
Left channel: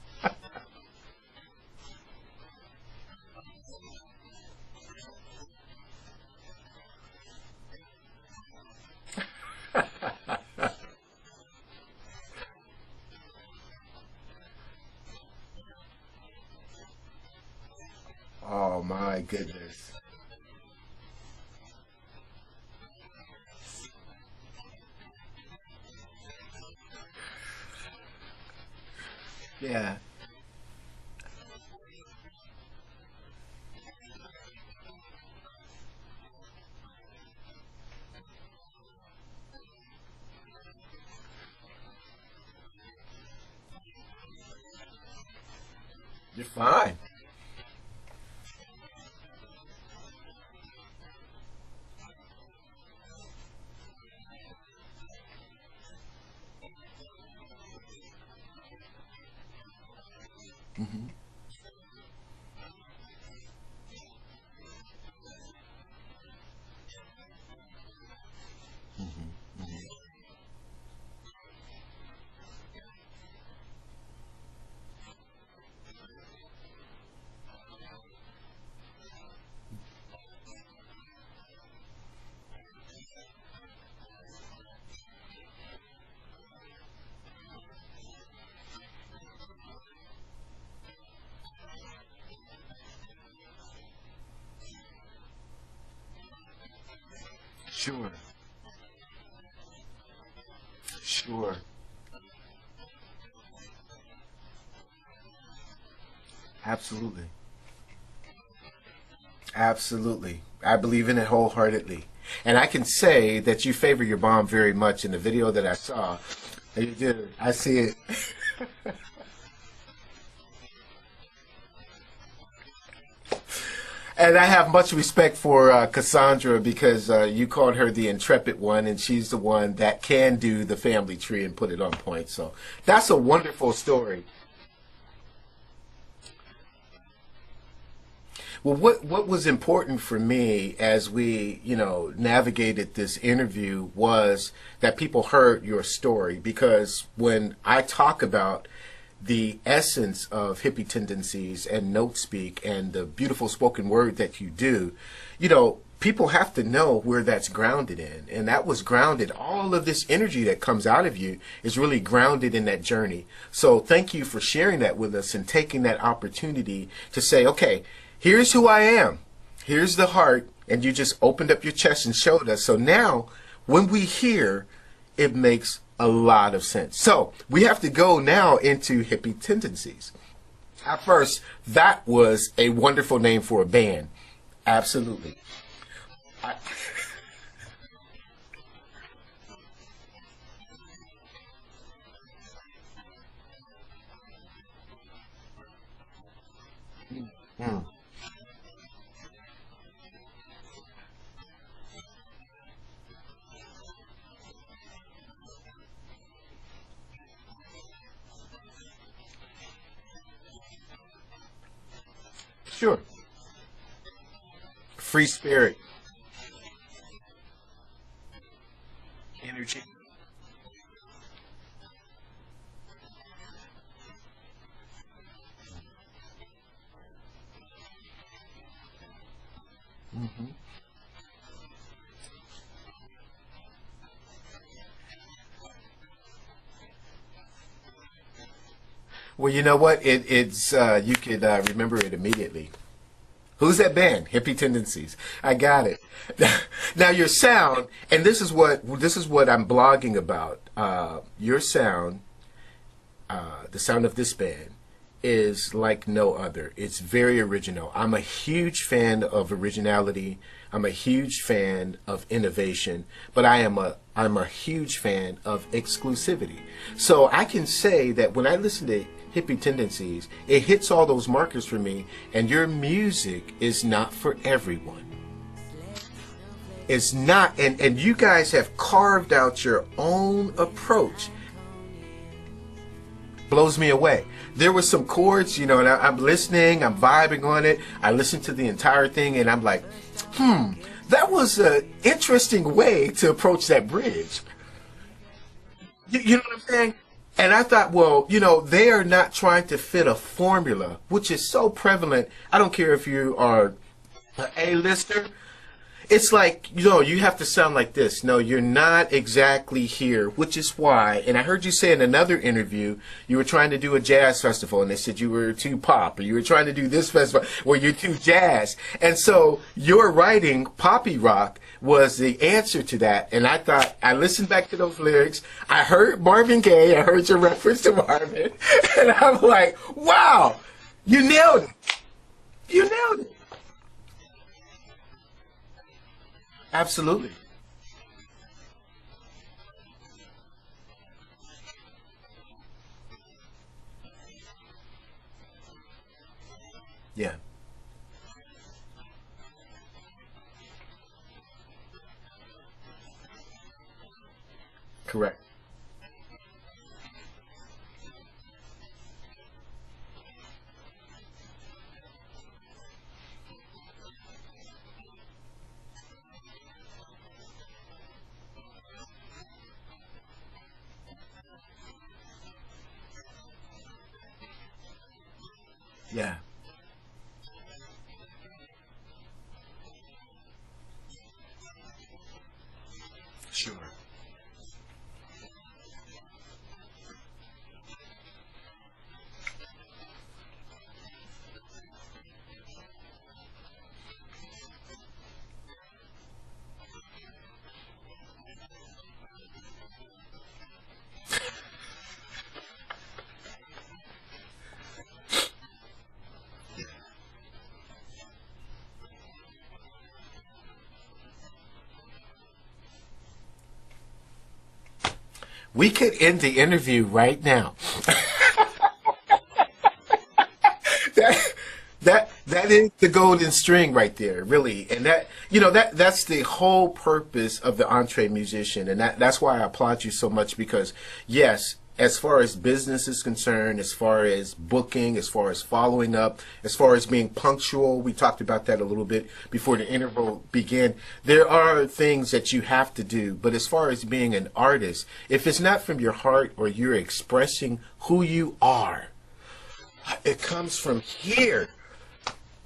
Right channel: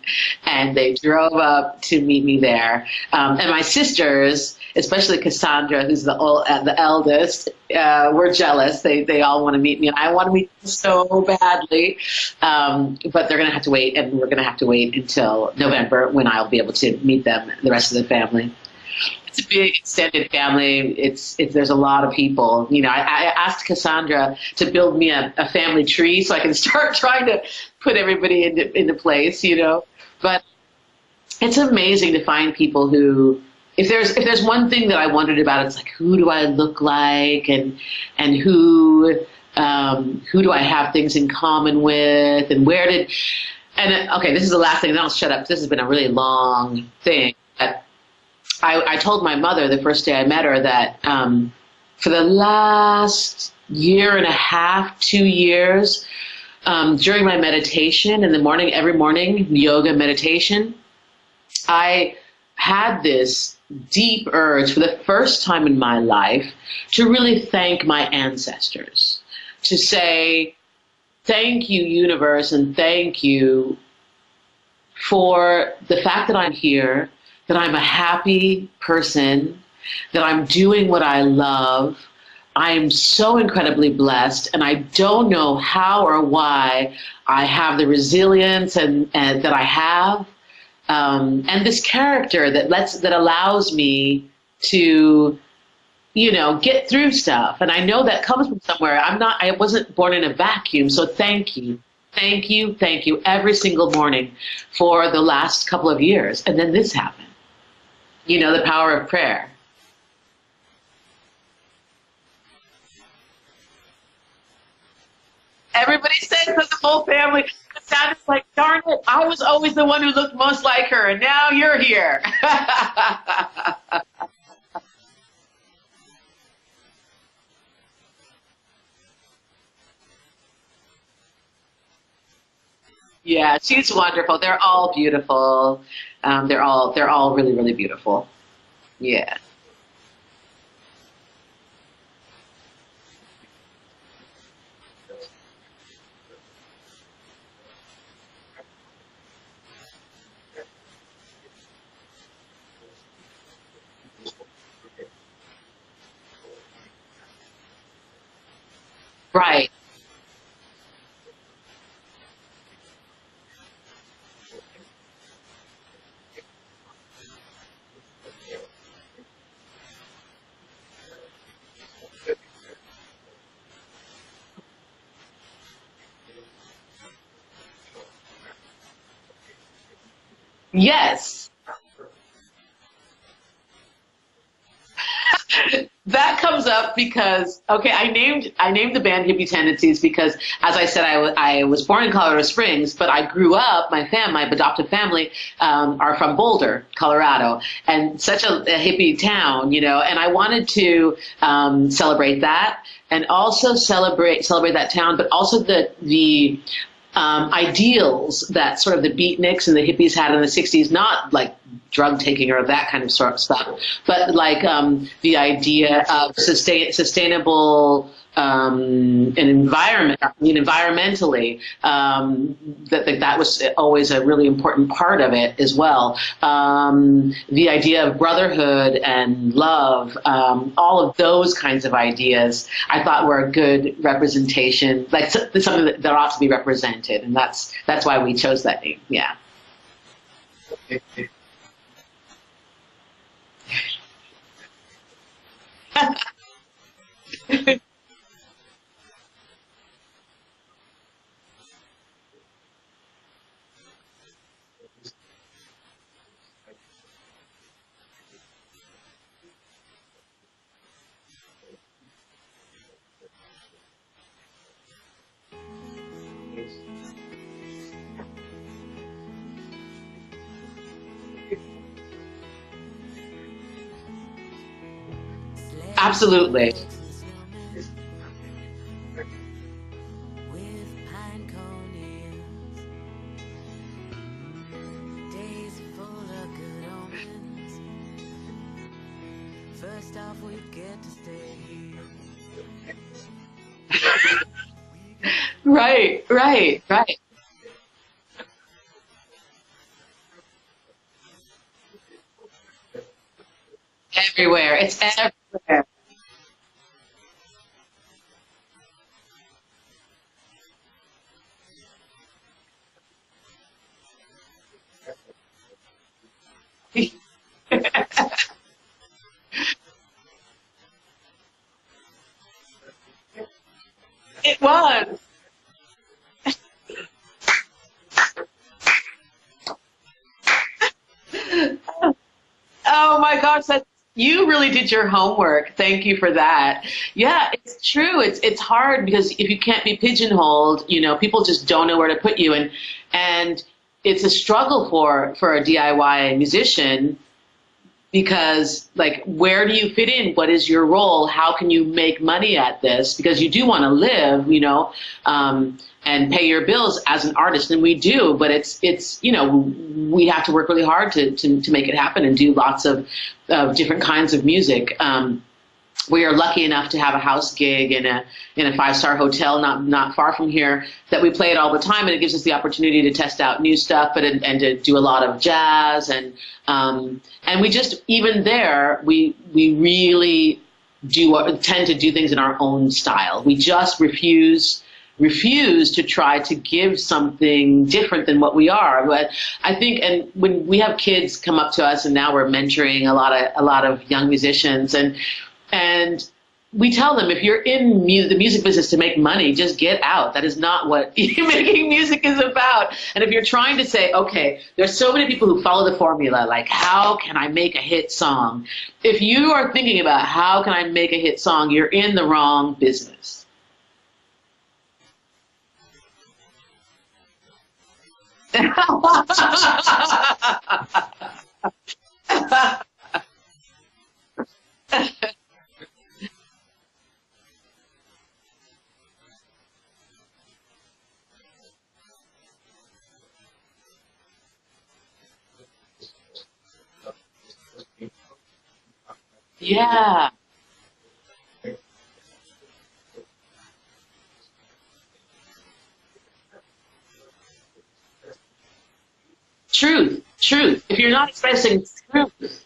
and they drove up to meet me there. And my sisters, especially Cassandra, who's the eldest, were jealous. They all want to meet me, and I want to meet them so badly. But they're going to have to wait, and we're going to have to wait until November when I'll be able to meet them, the rest of the family. Oh, my goodness. It's a big extended family. There's a lot of people. I asked Cassandra to build me a family tree so I can start trying to put everybody into place, Yeah. But it's amazing to find people who, if there's one thing that I wondered about, it's like, who do I look like, and who do I have things in common with, and okay, this is the last thing, and then I'll shut up. This has been a really long thing. But I told my mother the first day I met her that for the last year and a half, 2 years, during my meditation in the morning, every morning, yoga meditation, I had this deep urge for the first time in my life to really thank my ancestors, to say, thank you, universe, and thank you for the fact that I'm here, that I'm a happy person, that I'm doing what I love. I am so incredibly blessed, and I don't know how or why I have the resilience and that I have. And this character that allows me to, get through stuff. And I know that comes from somewhere. I wasn't born in a vacuum. So thank you every single morning for the last couple of years. And then this happened. The power of prayer. Absolutely. I believe in it wholeheartedly. And I can say that you favor your mom very much in the video that I saw. Everybody said for the whole family. I see it. It sounded like, darn it, I was always the one who looked most like her, and now you're here. And I have much respect for Cassandra because you called her the intrepid one, and she's the one that can do the family tree and put it on point. So that's a wonderful Yeah, she's story. wonderful. They're all beautiful. They're all really, really beautiful. Well, what was important for me as we, navigated this interview was that people heard your story, because when I talk about the essence of Hippie Tendencies and Notespeak and the beautiful spoken word that you do, people have to know where that's grounded in, and that was grounded. Right. All of this energy that comes out of you is really grounded in that journey. So thank you for sharing that with us and taking that opportunity to say, okay, here's who I am. Here's the heart. And you just opened up your chest and showed us. So now when we hear, it makes a lot of sense. So we have to go now into Hippie Tendencies. Yes. First, that was a wonderful name for a band. Absolutely. That comes up because, okay, I named the band Hippie Tendencies because, as I said, I was born in Colorado Springs, but I grew up, my adoptive family are from Boulder, Colorado, and such a hippie town, you know, and I wanted to celebrate that and also celebrate that town, but also the ideals that sort of the beatniks and the hippies had in the 60s, not like drug taking or that kind of sort of stuff, but like the idea of sustainable an environment, environmentally, that was always a really important part of it as well. The idea of brotherhood and love, all of those kinds of ideas, I thought were a good representation, like something that ought to be represented, and that's why we chose that name. Yeah. Well, you know what? It's you could remember it immediately. Who's that band? Hippie Tendencies. I got it. Now your sound, and this is what I'm blogging about. Your sound, the sound of this band, is like no other. It's very original. I'm a huge fan of originality. I'm a huge fan of innovation, but I'm a huge fan of exclusivity. So I can say that when I listen to Hippie Tendencies, it hits all those markers for me, and your music is not for everyone. Absolutely. It's not, and you guys have carved out your own approach. Blows me away. There were some chords, and I'm listening, I'm vibing on it. I listened to the entire thing, and I'm like, that was an interesting way to approach that bridge. Right. And I thought, well, they are not trying to fit a formula, which is so prevalent. I don't care if you are everywhere. It's everywhere. It's like, you have to sound like this. No, you're not exactly here, which is why, and I heard you say in another interview, you were trying to do a jazz festival, and they said you were too pop, or you were trying to do this festival when you're too jazz. And so your writing, Poppy Rock, was the answer to that. And I thought, I listened back to those lyrics, I heard Marvin Gaye, I heard your reference to Marvin, and I'm like, wow, you nailed it. Oh my gosh, you really did your homework. Thank you for that. Absolutely. Yeah, it's true. It's hard because if you can't be pigeonholed, people just don't know where to put you, and it's a struggle for a DIY musician. Yeah. Because, like, where do you fit in? What is your role? How can you make money at this? Because you do want to live, and pay your bills as an artist, and we do. But it's we have to work really hard to make it happen and do lots of different kinds of music. We are lucky enough to have a house gig in a 5-star hotel not far from here that we play it all the time, and it gives us the opportunity to test out new stuff, and to do a lot of jazz and we just, even there, we really tend to do things in our own style. We just refuse to try to give something different than what we are. But I think, and when we have kids come up to us, and now we're mentoring a lot of young musicians, and we tell them, if you're in the music business to make money, just get out. That is not what making music is about. And if you're trying to say, okay, there's so many people who follow the formula, like, how can I make a hit song? If you are thinking about how can I make a hit song, you're in the wrong business. We could end the interview right now. That is the golden string right there, really. And that's the whole purpose of the EntreMusician, and that's why I applaud you so much, because yes, as far as business is concerned, as far as booking, as far as following up, as far as being punctual, we talked about that a little bit before the interview began. There are things that you have to do, but as far as being an artist, if it's not from your heart or you're expressing who you are, truth. If you're not expressing truth,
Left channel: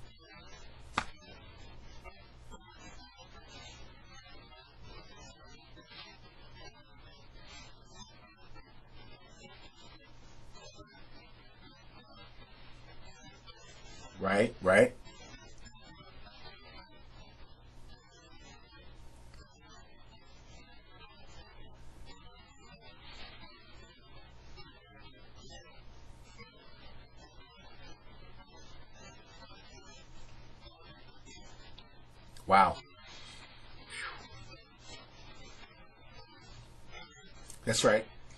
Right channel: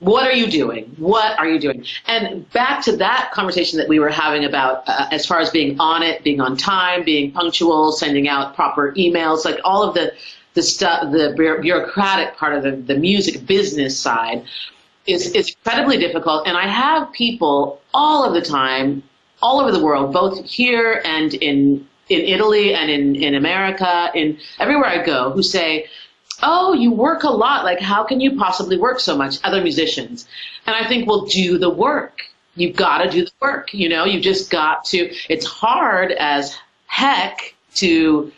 What are you doing? What are you doing? And back to that conversation that we were having about as far as being on it, being on time, being punctual, sending out proper emails, like all of the stuff, the bureaucratic part of the music business side is incredibly difficult. And I have people all of the time, all over the world, both here and in Italy and in America, in everywhere I go, who say, oh, you work a lot. Like, how can you possibly work so much? Other musicians. And I think, well, do the work. Wow. You've got to do the work. You know, you've just got to. It's hard as heck to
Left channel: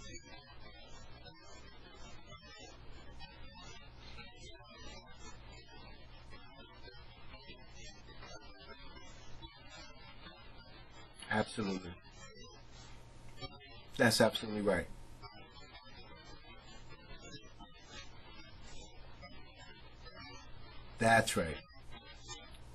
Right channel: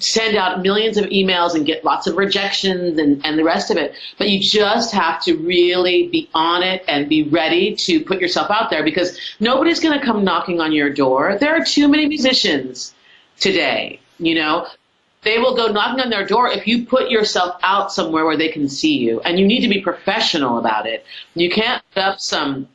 send out millions of emails and get lots of rejections and the rest of it. But you just have to really be on it and be ready to put yourself out there, because nobody's going to come knocking on your door. There are too many musicians today, you know. Right. They will go knocking on their door if you put yourself out somewhere where they can see you, and you need to be professional about it. That's right. You can't put up some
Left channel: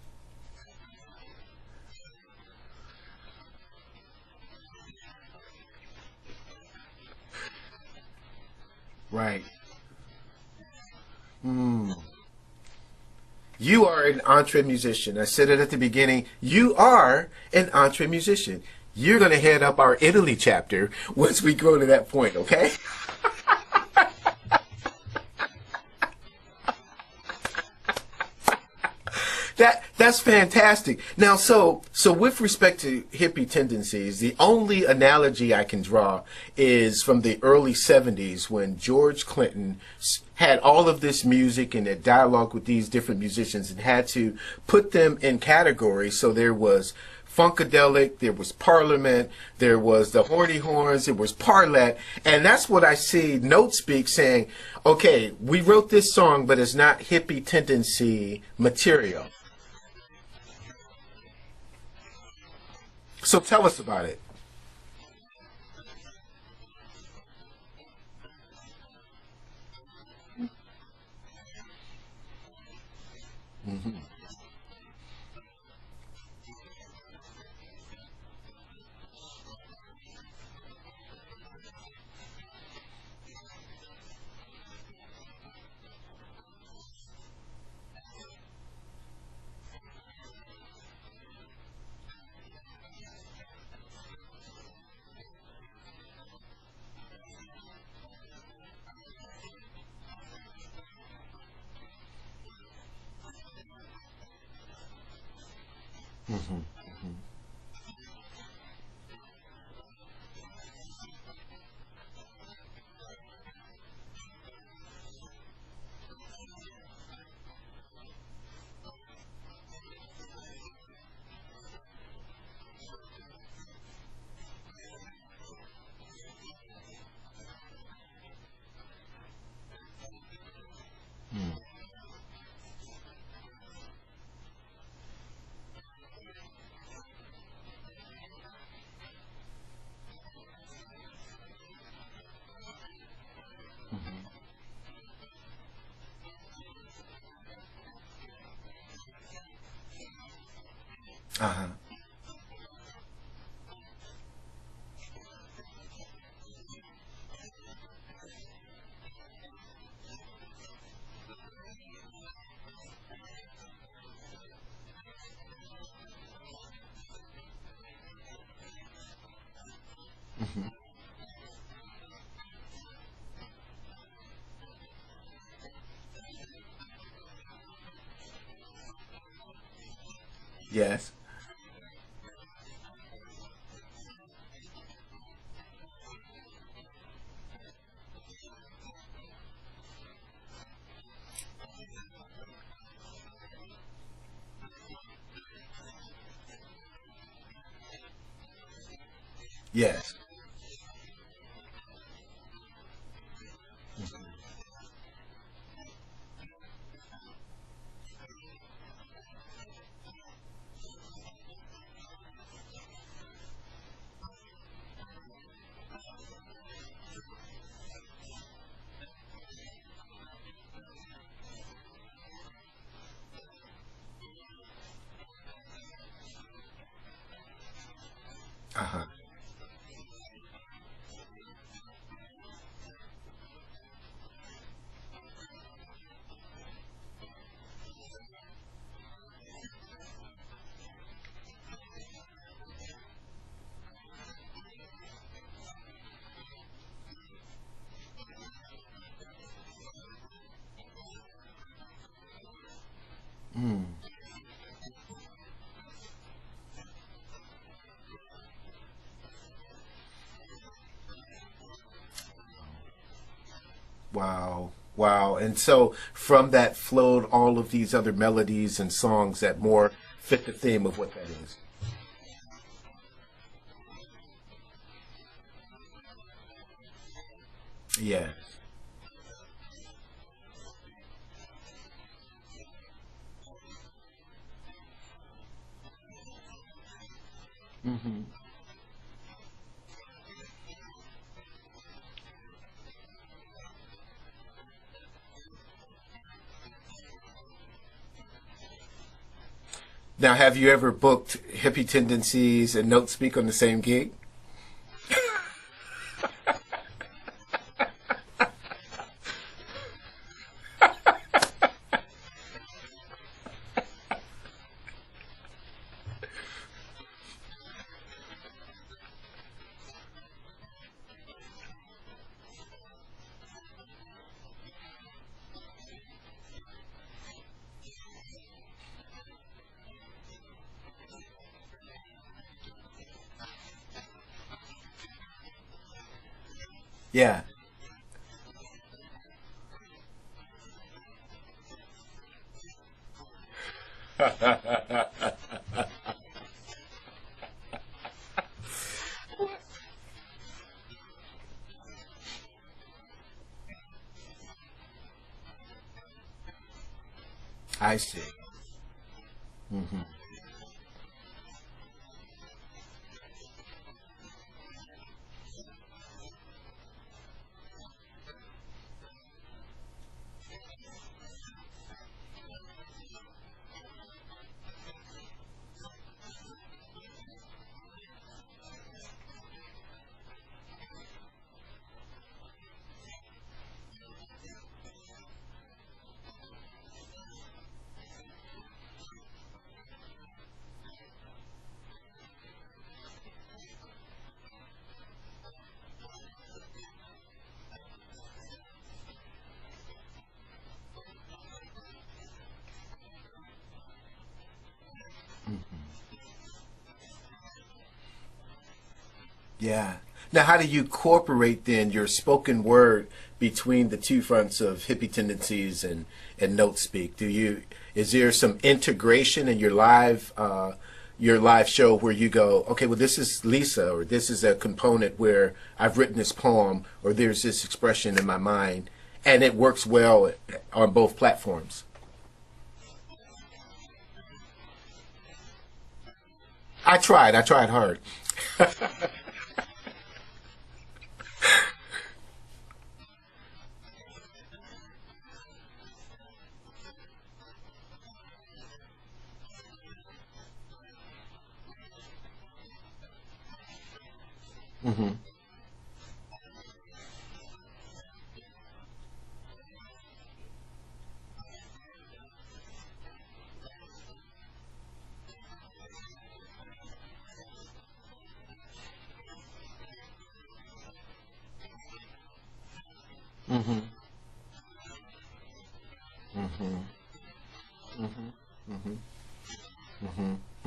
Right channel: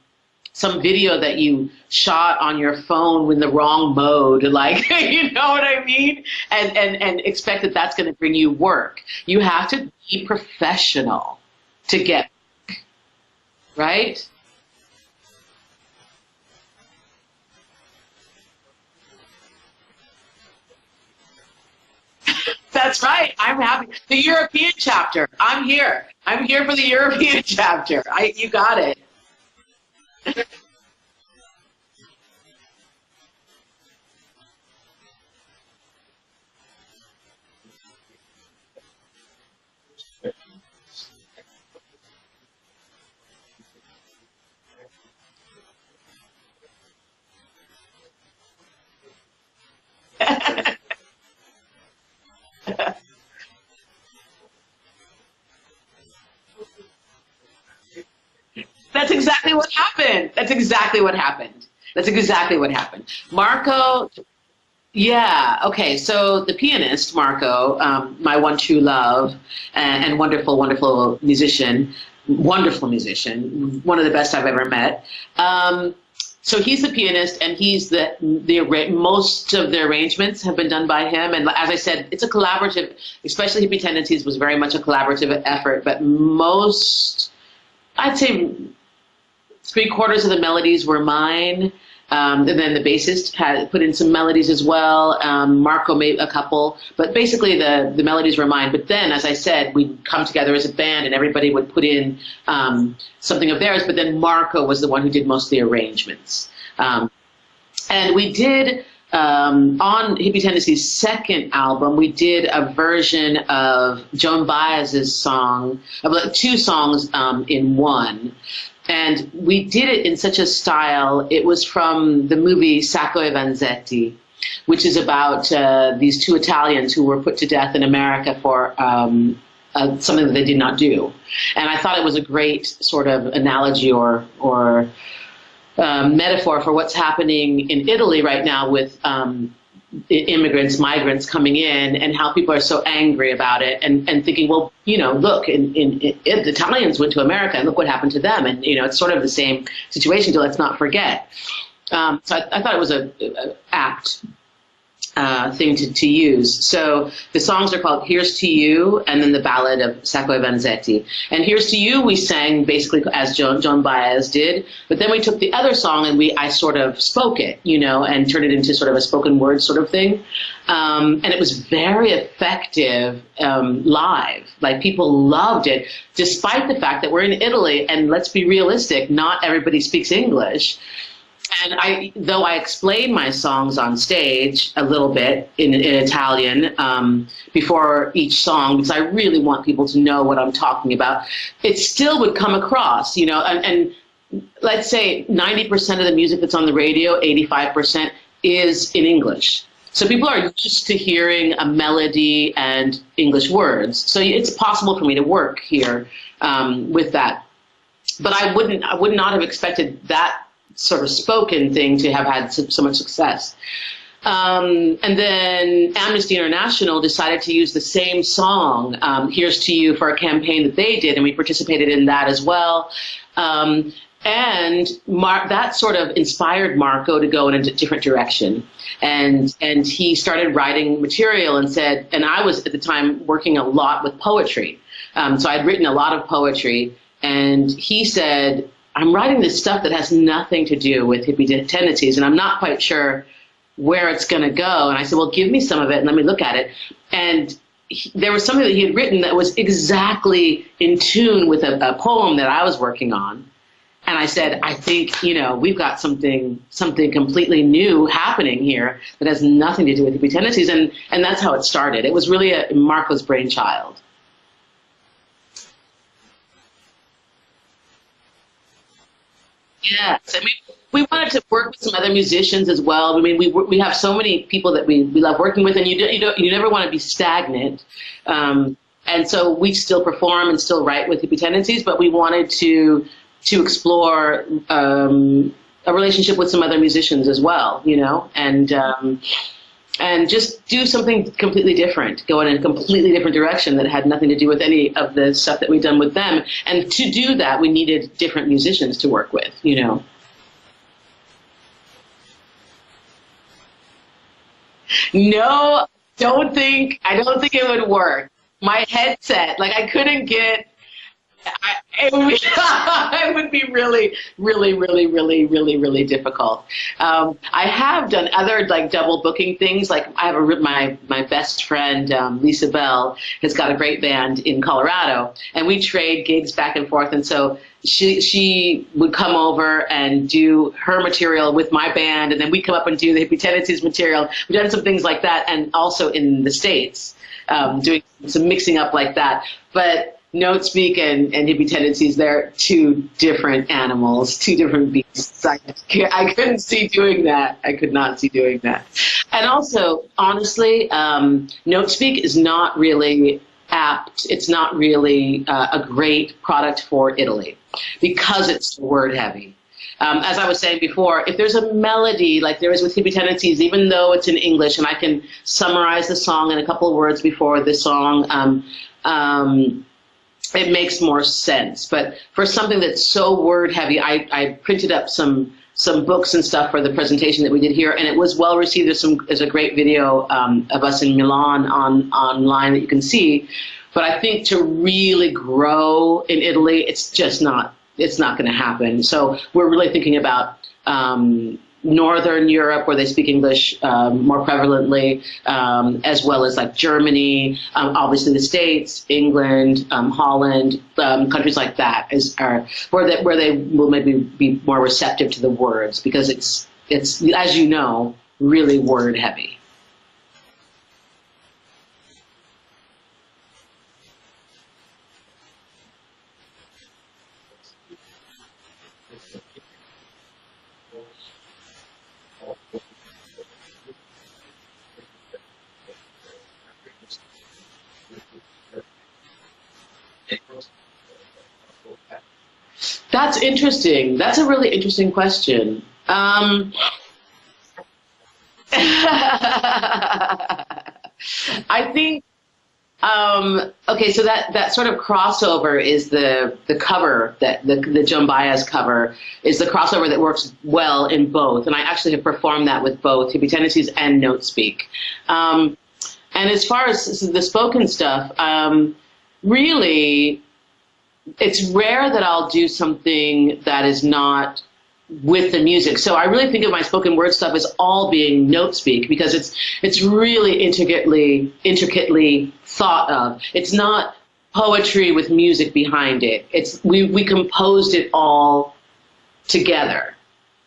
video that you shot on your phone in the wrong mode, like, you know what I mean, and expect that that's going to bring you work. Right. You have to be professional to get. You are an EntreMusician. I said it at the beginning. You are an EntreMusician. You're going to head up our Italy chapter once we go to that point, okay? That's right. I'm happy. The European chapter. I'm here. I'm here for the European chapter. You got it. That's fantastic. Now, so with respect to Hippie Tendencies, the only analogy I can draw is from the early 70s when George Clinton had all of this music and a dialogue with these different musicians and had to put them in categories. So there was Funkadelic, there was Parliament, there was the Horny Horns, there was Parlet, and that's what I see Notespeak saying, okay, we wrote this song, but it's not hippie tendency material. That's exactly what happened. That's exactly what happened. That's exactly what happened. So Marco, tell us about it. Yeah, okay, so the pianist, Marco, my one true love, and wonderful, wonderful musician, one of the best I've ever met. So he's the pianist, and he's most of the arrangements have been done by him. And as I said, it's a collaborative, especially Hippie Tendencies was very much a collaborative effort. But I'd say 3/4 of the melodies were mine. And then the bassist had put in some melodies as well. Marco made a couple, but basically the melodies were mine. But then, as I said, we'd come together as a band and everybody would put in something of theirs, but then Marco was the one who did most of the arrangements. And we did, on Hippie Tendencies' second album, we did a version of Joan Baez's song, of like 2 songs in one. And we did it in such a style. It was from the movie Sacco e Vanzetti, which is about these 2 Italians who were put to death in America for something that they did not do. And I thought it was a great sort of analogy or metaphor for what's happening in Italy right now with immigrants, migrants coming in, and how people are so angry about it, and thinking, well, you know, look, the Italians went to America, and look what happened to them, and you know, it's sort of the same situation. So let's not forget. So I thought it was a apt thing to use. So the songs are called Here's to You, and then the ballad of Sacco e Vanzetti. And Here's to You we sang basically as Joan Baez did, but then we took the other song and I sort of spoke it, you know, and turned it into sort of a spoken word sort of thing. And it was very effective live. Like, people loved it, despite the fact that we're in Italy, and let's be realistic, not everybody speaks English. Yes. And though I explain my songs on stage a little bit in Italian before each song, because I really want people to know what I'm talking about, it still would come across, you know, and let's say 90% of the music that's on the radio, 85% is in English. Yes. So people are used to hearing a melody and English words. So it's possible for me to work here with that. But I would not have expected that sort of spoken thing to have had so much success. And then Amnesty International decided to use the same song, Here's to You, for a campaign that they did, and we participated in that as well. And that sort of inspired Marco to go in a different direction. And he started writing material and I was at the time working a lot with poetry. So I'd written a lot of poetry. and he said, I'm writing this stuff that has nothing to do with hippie tendencies, and I'm not quite sure where it's going to go. And I said, well, give me some of it and let me look at it. And there was something that he had written that was exactly in tune with a poem that I was working on. And I said, I think, you know, we've got something completely new happening here that has nothing to do with hippie tendencies. And that's how it started. It was really Marco's brainchild. Wow. Wow. And so from that flowed all of these other melodies and songs that more fit the theme of we wanted to work with some other musicians as well. I mean, we have so many people that we love working with, and you never want to be stagnant. Yeah. And so we still perform and still write with Hippie Tendencies, but we wanted to explore a relationship with some other musicians as well, you know, and just do something completely different, go in a completely different direction that had nothing to do with any of the stuff that we've done with them. And to do that, we needed different musicians to work with, you know. Now, have you ever booked Hippie Tendencies and Notespeak on the same gig? No, I don't think it would work. My headset, like I couldn't get, it would be really, really, really, really, really, really difficult. I have done other like double booking things. Like I have my best friend, Lisa Bell, has got a great band in Colorado, and we trade gigs back and forth. And so she would come over and do her material with my band, and then we'd come up and do the Hippie Tendencies material. We've done some things like that, and also in the States, doing some mixing up like that. But Notespeak and Hippie Tendencies, they're two different animals, two different beasts. I couldn't see doing that. I could not see doing that. And also, honestly, Notespeak is not really apt. It's not really a great product for Italy because it's word heavy. As I was saying before, if there's a melody like there is with Hippie Tendencies, even though it's in English and I can summarize the song in a couple of words before the song, it makes more sense. But for something that's so word heavy, I printed up some books and stuff for the presentation that we did here, and it was well received. There's a great video of us in Milan online that you can see. But I think to really grow in Italy, it's not going to happen. So we're really thinking about Northern Europe, where they speak English more prevalently, as well as like Germany, obviously the States, England, Holland, countries like that where they will maybe be more receptive to the words, because it's as you know, really word heavy. Yeah. Now, how do you incorporate then your spoken word between the two fronts of Hippie Tendencies and Notespeak? Is there some integration in your live show where you go, okay, well, this is Lisa, or this is a component where I've written this poem, or there's this expression in my mind, and it works well on both platforms? That's interesting. That's a really interesting question. I tried hard. I think, okay, so that sort of crossover is the cover, that the Joan Baez cover is the crossover that works well in both. And I actually have performed that with both Hippie Tendencies and Notespeak. And as far as the spoken stuff, really, it's rare that I'll do something that is not with the music. So I really think of my spoken word stuff as all being Notespeak, because it's really intricately thought of. It's not poetry with music behind it. It's we composed it all together.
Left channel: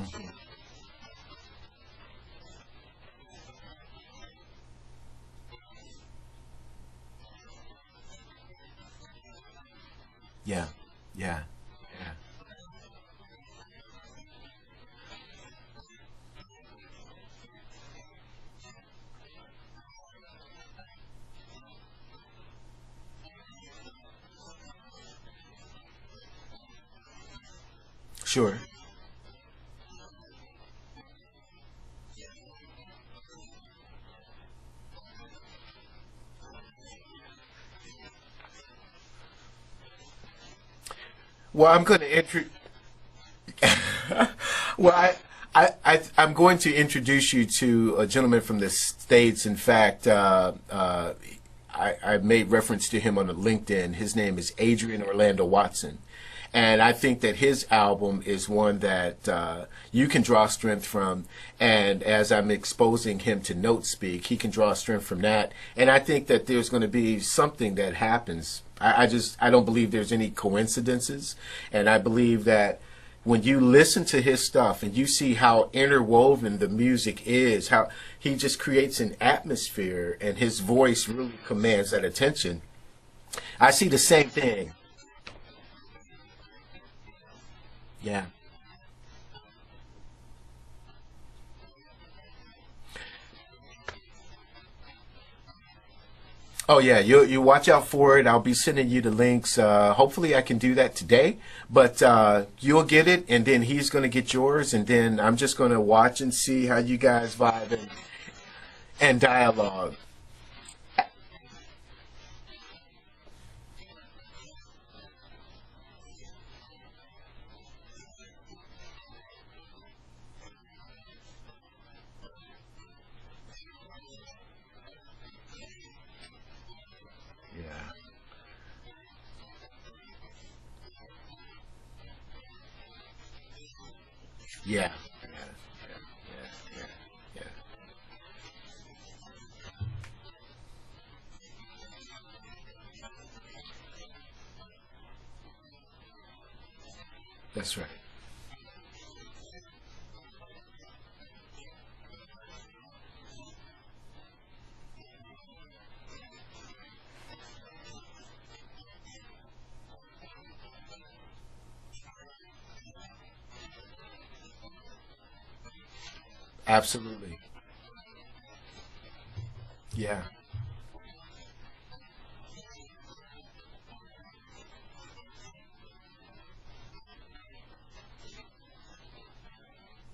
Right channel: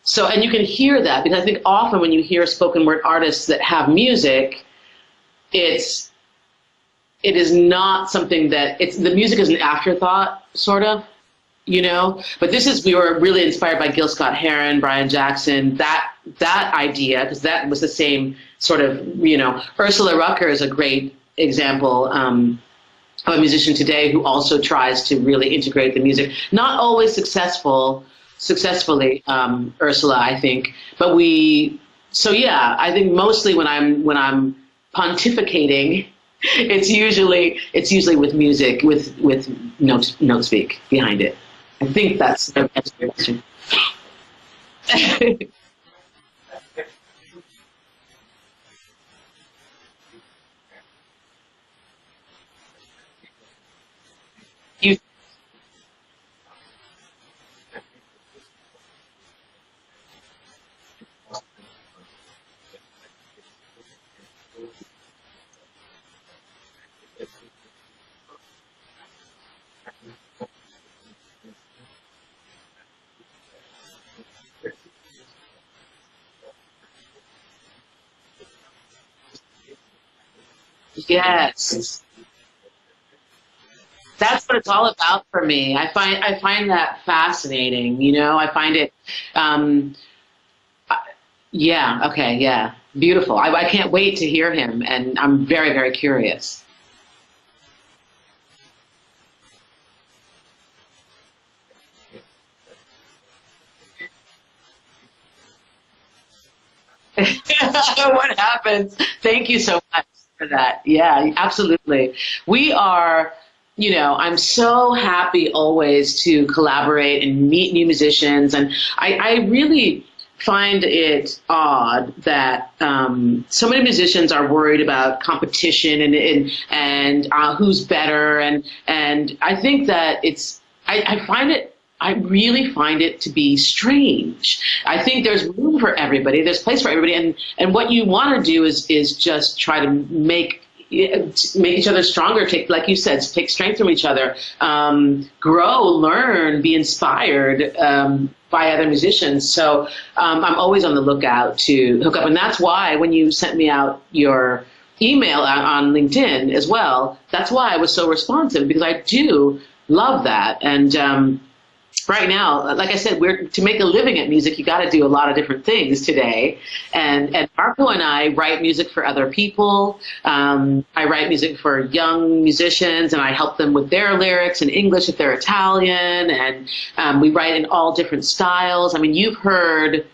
So, and you can hear that, because I think often when you hear spoken word artists that have music, it is not something that the music is an afterthought, sort of. Yeah. You know, but we were really inspired by Gil Scott-Heron, Brian Jackson, that idea, because that was the same sort of, you know. Ursula Rucker is a great example of a musician today who also tries to really integrate the music. Not always successfully, Ursula, I think. But I think mostly when I'm pontificating, it's usually with music, with Notespeak behind it. Well, I'm going I'm going to introduce you to a gentleman from the States. In fact, I made reference to him on the LinkedIn. His name is Adrian Orlando Watson. And I think that his album is one that you can draw strength from. And as I'm exposing him to Notespeak, he can draw strength from that. And I think that there's going to be something that happens. I don't believe there's any coincidences. And I believe that when you listen to his stuff and you see how interwoven the music is, how he just creates an atmosphere and his voice really commands that attention. I see the same That's thing. what it's all about for me. I find that fascinating. You know, I find it, beautiful. I can't wait to hear him, and I'm very, very curious. Oh yeah, you watch out for it. I'll be sending you the links. Hopefully I can do that today, but you'll get it, and then he's going to get yours, and then I'm just going to watch and see how you guys vibe. What happens. And Thank you so much for that. Yeah, absolutely. We are, you know, I'm so happy always to collaborate and meet new musicians, and I really find it odd that so many musicians are worried about competition and who's better, and I think that I really find it to be strange. Yeah. I think there's room for everybody. There's place for everybody, and what you want to do is just try to make each other stronger, like you said, take strength from each other, grow, learn, be inspired by other musicians. So I'm always on the lookout to hook up. And that's why when you sent me out your email on LinkedIn as well, that's why I was so responsive, because I do love that. And right now, like I said, to make a living at music, you got to do a lot of different things today. Absolutely. And Marco and I write music for other people. Yeah. I write music for young musicians, and I help them with their lyrics in English if they're Italian. And we write in all different styles. I mean, you've heard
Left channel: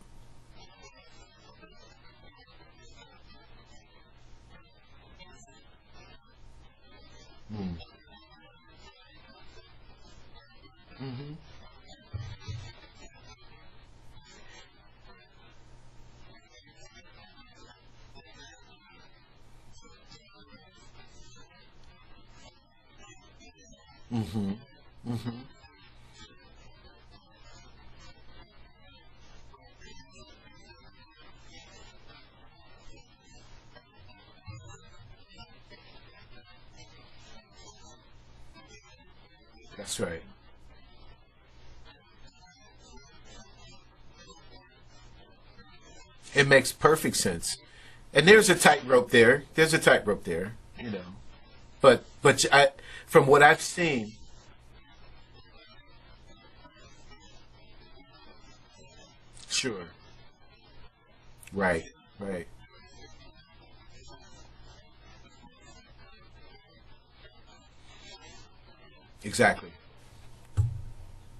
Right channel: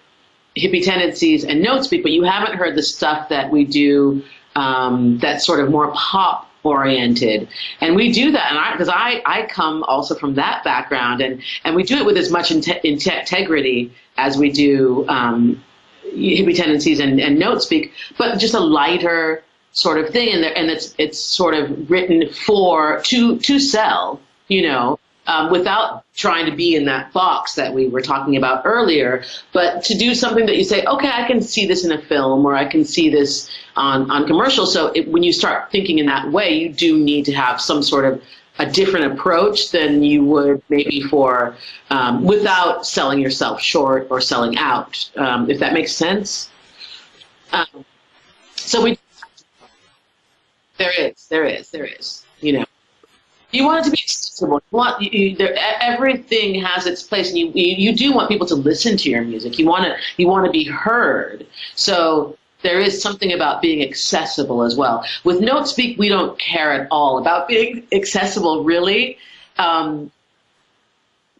Hippie Tendencies and Notespeak, but you haven't heard the stuff that we do that's sort of more pop oriented. And we do that, and because I come also from that background, and we do it with as much integrity as we do Hippie Tendencies and Notespeak, but just a lighter sort of thing, and it's sort of written to sell, you know, without trying to be in that box that we were talking about earlier, but to do something that you say, okay, I can see this in a film, or I can see this on commercial. So when you start thinking in that way, you do need to have some sort of a different approach than you would maybe for without selling yourself short or selling out, if that makes sense. It makes perfect sense. And there's a tightrope there. There's a tightrope there. There is. But you know, from what I've seen, you want it to be accessible. Everything has its place, and you do want people to listen to your music. You want to be heard. Right. So there is something about being accessible as well. With Notespeak, we don't care at all about being accessible, really. Exactly.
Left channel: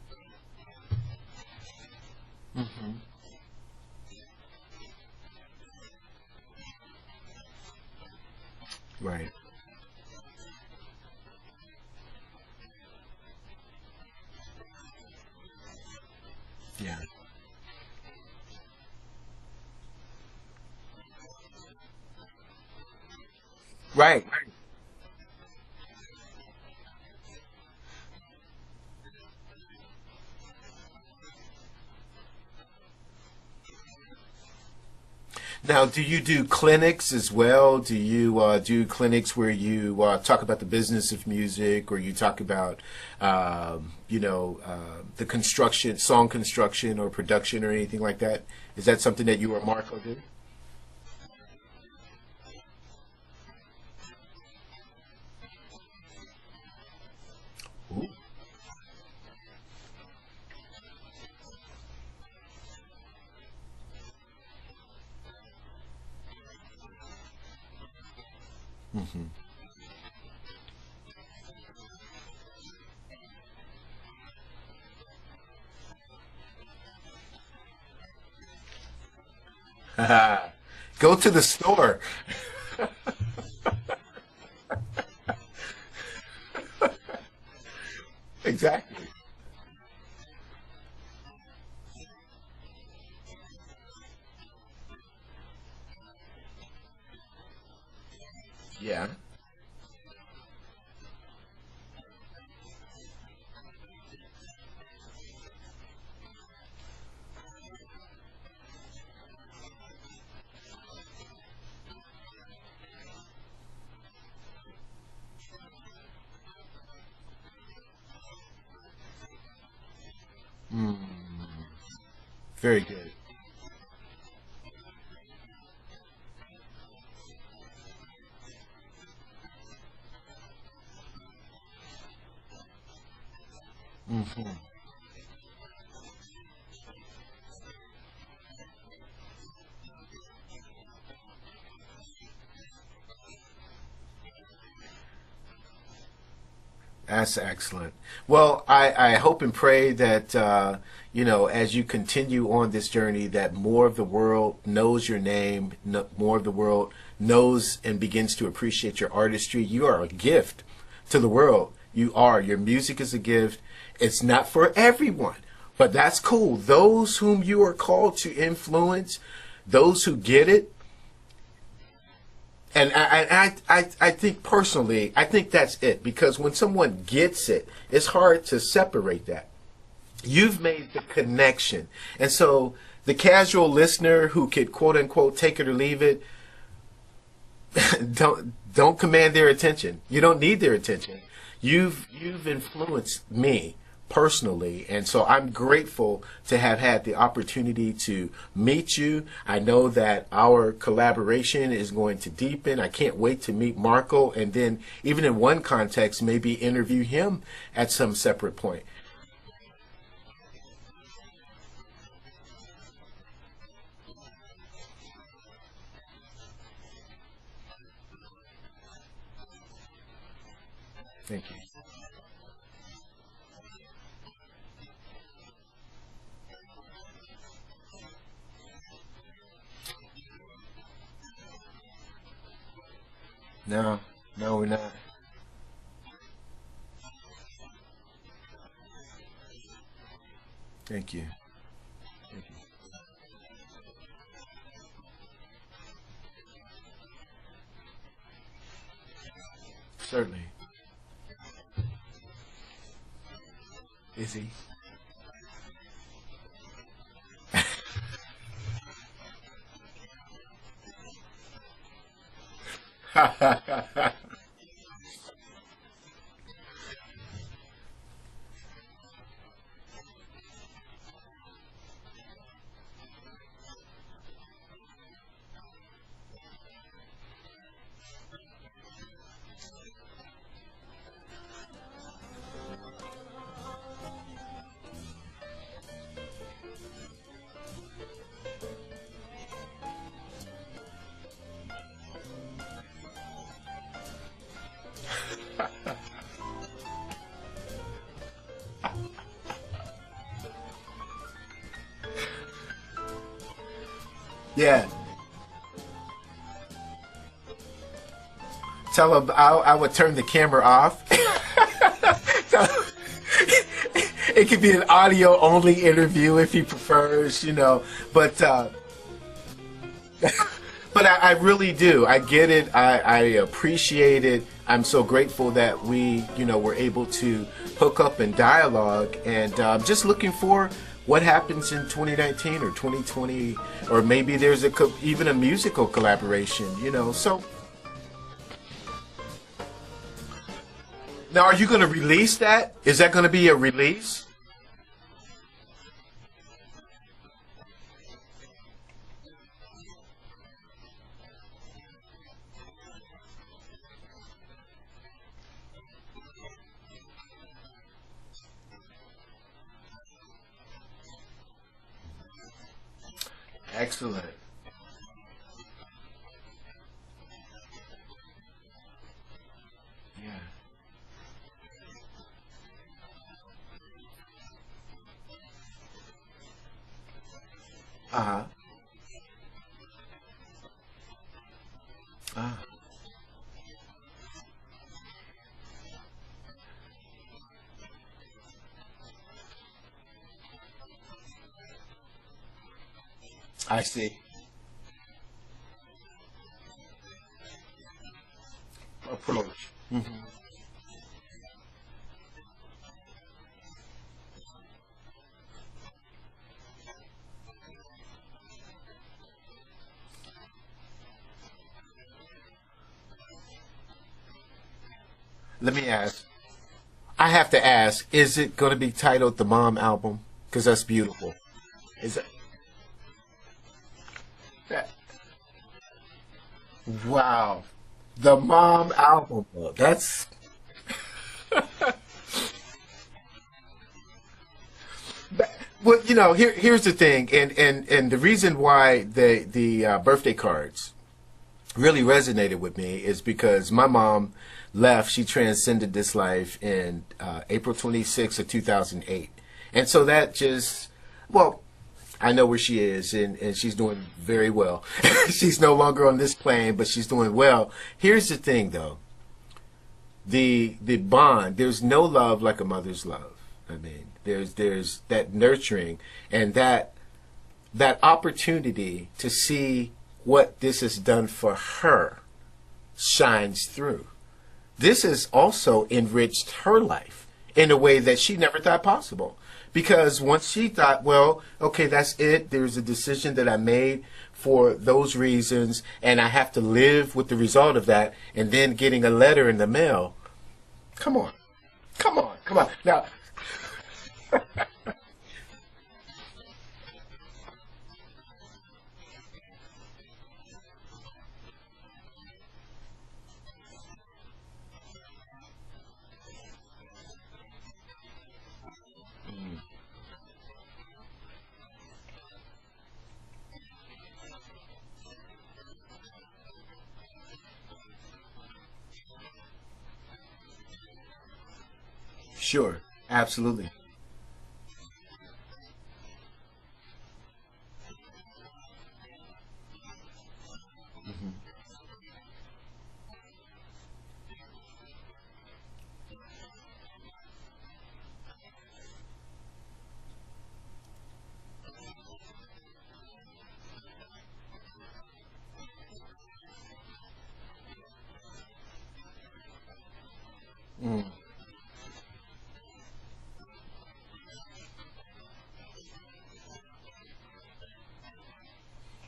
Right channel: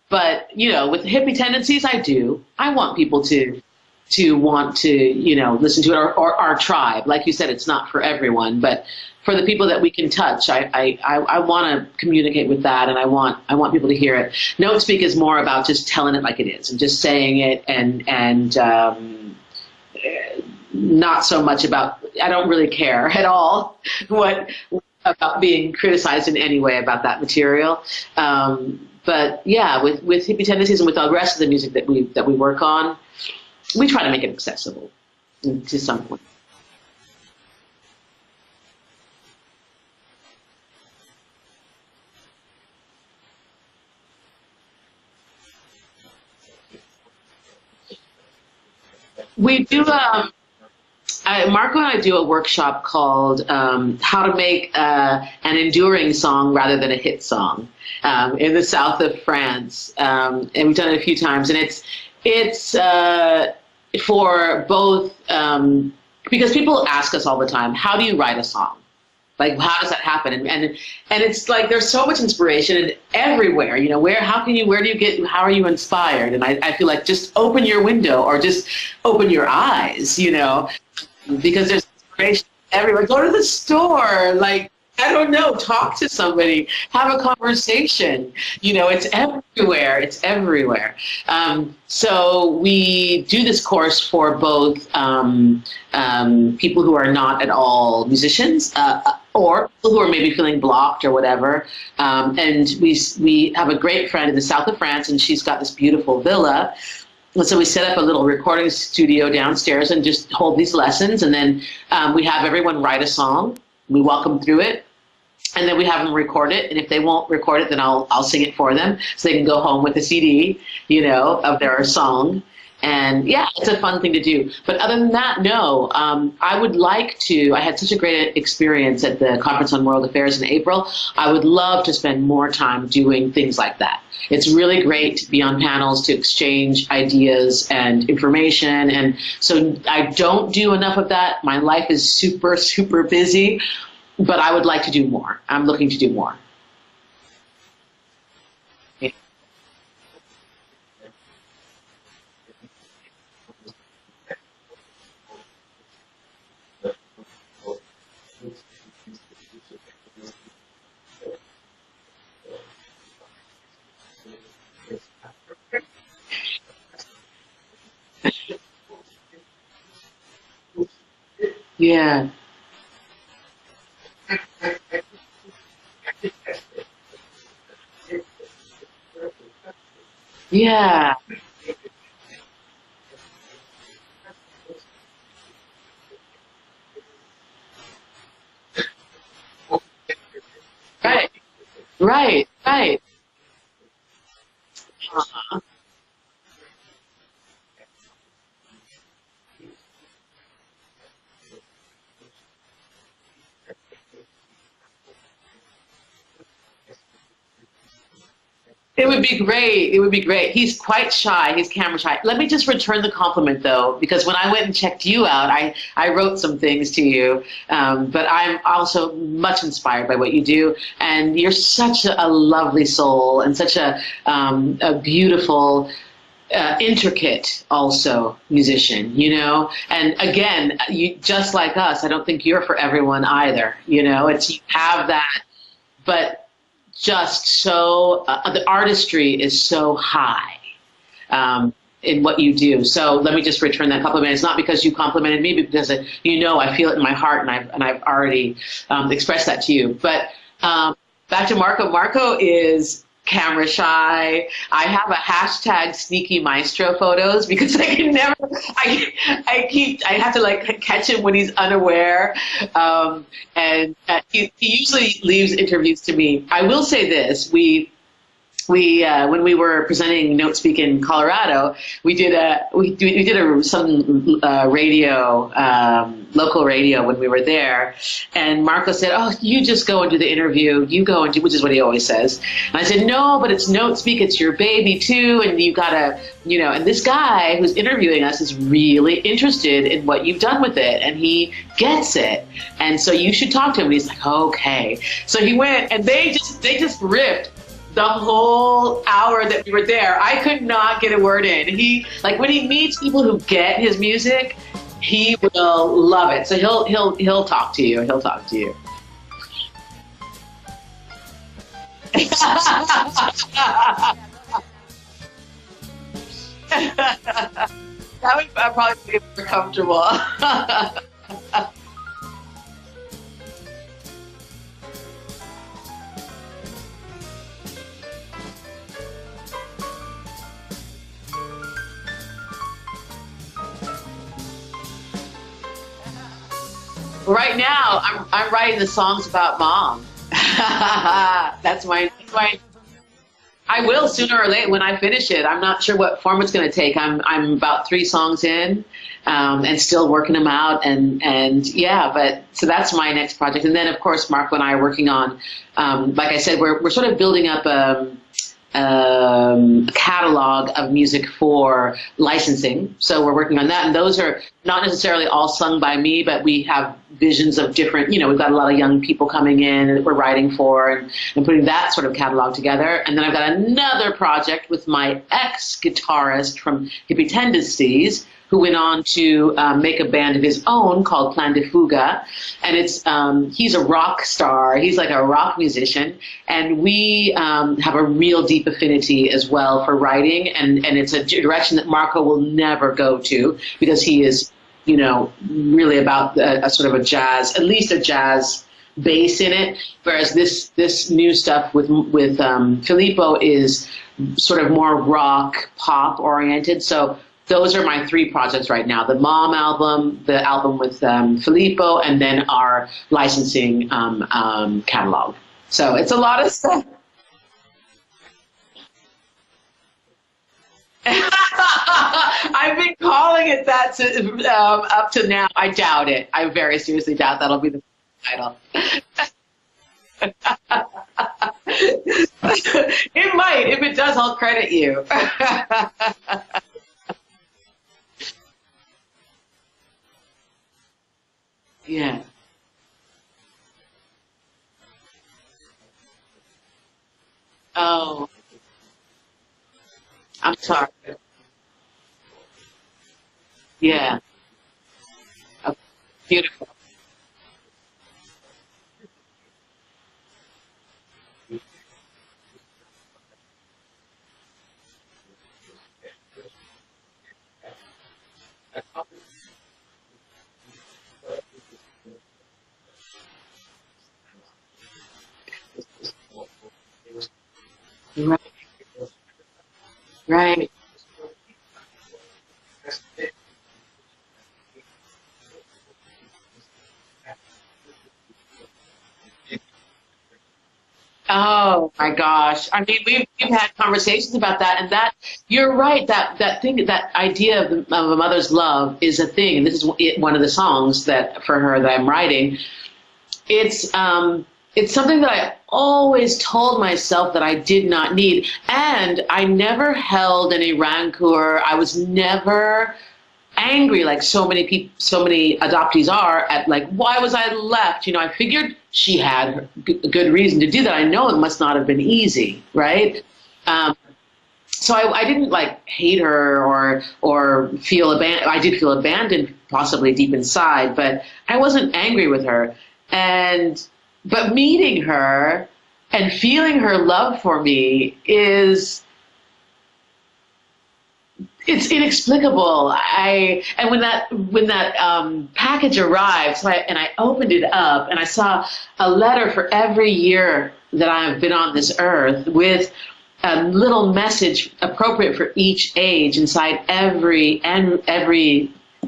But you know, with Hippie Tendencies, I do. I want people to want to, you know, listen to it, or our tribe. Like you said, it's not for everyone, but for the people that we can touch, I want to communicate with that, and I want people to hear it. Notespeak is more about just telling it like it is and just saying it, and not so much about, I don't really care at all about being criticized in any way about that material. But yeah, with Hippie Tendencies and with the rest of the music that we work on, we try to make it accessible. Now, do you do clinics as well? Do you do clinics where you talk about the business of music, or you talk about, the construction, song construction or production or anything like that? Is that something that you do? Marco and I do a workshop called How to Make an Enduring Song Rather Than a Hit Song in the south of France. And we've done it a few times, and it's for both, because people ask us all the time, how do you write a song? Like, how does that happen? And it's like, there's so much inspiration everywhere, you know, how do you get, how are you inspired? And I feel like just open your window, or just open your eyes, you know. Go to the store. There's inspiration everywhere. Go to the store, like, I don't know, talk to somebody, have a conversation. Exactly. You know, it's everywhere. So we do this course for both people who are not at all musicians, or people who are maybe feeling blocked or whatever. And we have a great friend in the south of France, and she's got this beautiful villa. And so we set up a little recording studio downstairs and just hold these lessons. And then we have everyone write a song. We walk them through it. And then we have them record it. And if they won't record it, then I'll sing it for them so they can go home with a CD, you know, of their song. And yeah, it's a fun thing to do. But other than that, no. I would like to. I had such a great experience at the Conference on World Affairs in April. I would love to spend more time doing things like that. It's really great to be on panels, to exchange ideas and information. And so I don't do enough of that. My life is super, super busy. But I would like to do more. I'm looking to do more. That's excellent. Well, I hope and pray that, you know, as you continue on this journey, that more of the world knows your name, more of the world knows and begins to appreciate your artistry. You are a gift to the world. You are. Your music is a gift. It's not for everyone, but that's cool. Those whom you are called to influence, those who get it. Yeah. And I think personally, I think that's it. Because when someone gets it, it's hard to separate that. You've made a connection. And so the casual listener who could, quote unquote, take it or leave it, don't command their attention. You don't need their attention. Right. You've influenced me personally, and so I'm grateful to have had the opportunity to meet you. I know that our collaboration is going to deepen. I can't wait to meet Marco, and then even in one context, maybe interview him at some separate point. It would be great. It would be great. He's quite shy. He's camera shy. Let me just return the compliment, though, because when I went and checked you out, I wrote some things to you, but I'm also much inspired by what you do, and you're such a lovely soul and such a beautiful, intricate also musician, you know. And again, you just like us. I don't think you're for everyone either. You know, you have that, but just so the artistry is so high. Thank you. In what you do. So let me just return that compliment. It's not because you complimented me, but because you know I feel it in my heart, and I've already expressed that to you. But back to Marco. Marco is camera shy. I have a hashtag sneaky maestro photos because I can never, I have to like catch him when he's unaware. And he usually leaves interviews to me. I will say this, when we were presenting Notespeak in Colorado, we did some radio, local radio when we were there, and Marco said, "Oh, you just go and do the interview. You go and do," which is what he always says. And I said, "No, but it's Notespeak. It's your baby too, and you gotta, you know." And this guy who's interviewing us is really interested in what you've done with it, and he gets it. And so you should talk to him. And he's like, "Okay." So he went, and they just ripped the whole hour that we were there. I could not get a word in. He, like, when he meets people who get his music, he will love it. So he'll talk to you. He'll talk to you. Tell him I would turn the camera off. It could be an audio only interview if he prefers, you know. But I'd probably be more comfortable. But I really do. I get it. I appreciate it. I'm so grateful that we, you know, were able to hook up and dialogue, and just looking for what happens in 2019 or 2020, or maybe there's even a musical collaboration, you know. So right now, I'm writing the songs about Mom. Now, are you going to release that? Is that going to be a release? I will sooner or later when I finish it. I'm not sure what form it's going to take. I'm about 3 songs in, and still working them out. And yeah, but so that's my next project. And then of course, Marco and I are working on, like I said, we're sort of building up a catalog of music for licensing. So we're working on that, and those are not necessarily all sung by me, but we have visions of different, you know, we've got a lot of young people coming in that we're writing for, and putting that sort of catalog together. And then I've got another project with my ex-guitarist from Hippie Tendencies, who went on to make a band of his own called Plan de Fuga. And it's he's a rock star. He's like a rock musician. And we have a real deep affinity as well for writing. And it's a direction that Marco will never go to, because he is, you know, really about a sort of a jazz, at least a jazz bass in it, whereas this new stuff with Filippo is sort of more rock pop oriented. So those are my 3 projects right now: the Mom album, the album with Filippo, and then our licensing catalog. So it's a lot of stuff. I have to ask: is it going to be titled the Mom album? Because that's beautiful. I've been calling it that up to now. I doubt it. I very seriously doubt that'll be the Mom album. That's it might. If it does, I'll credit you. Well, you know, here's the thing, and the reason why the birthday cards really resonated with me is because my mom left. She transcended this life in April 26th of 2008. And so that just, well, I know where she is, and she's doing very well. She's no longer on this plane, but she's doing well. Here's the thing, though. The bond, there's no love like a mother's love. I mean, there's that nurturing and that opportunity to see what this has done for her shines through. This has also enriched her life in a way that she never thought possible. Because once she thought, well, okay, that's it. There's a decision that I made for those reasons, and I have to live with the result of that, and then getting a letter in the mail. Come on. Oh, my gosh. I mean, we've had conversations about that, and that, you're right, that thing, that idea of a mother's love is a thing, and this is one of the songs that, for her, that I'm writing. It's something that I always told myself that I did not need. And I never held any rancor. I was never angry like so many adoptees are at, like, why was I left? You know, I figured she had a good reason to do that. I know it must not have been easy, right? Absolutely. So I didn't like hate her or feel abandoned. I did feel abandoned possibly deep inside, but I wasn't angry with her. But meeting her and feeling her love for me it's inexplicable. And when that package arrived, and I opened it up and I saw a letter for every year that I've been on this earth with a little message appropriate for each age inside every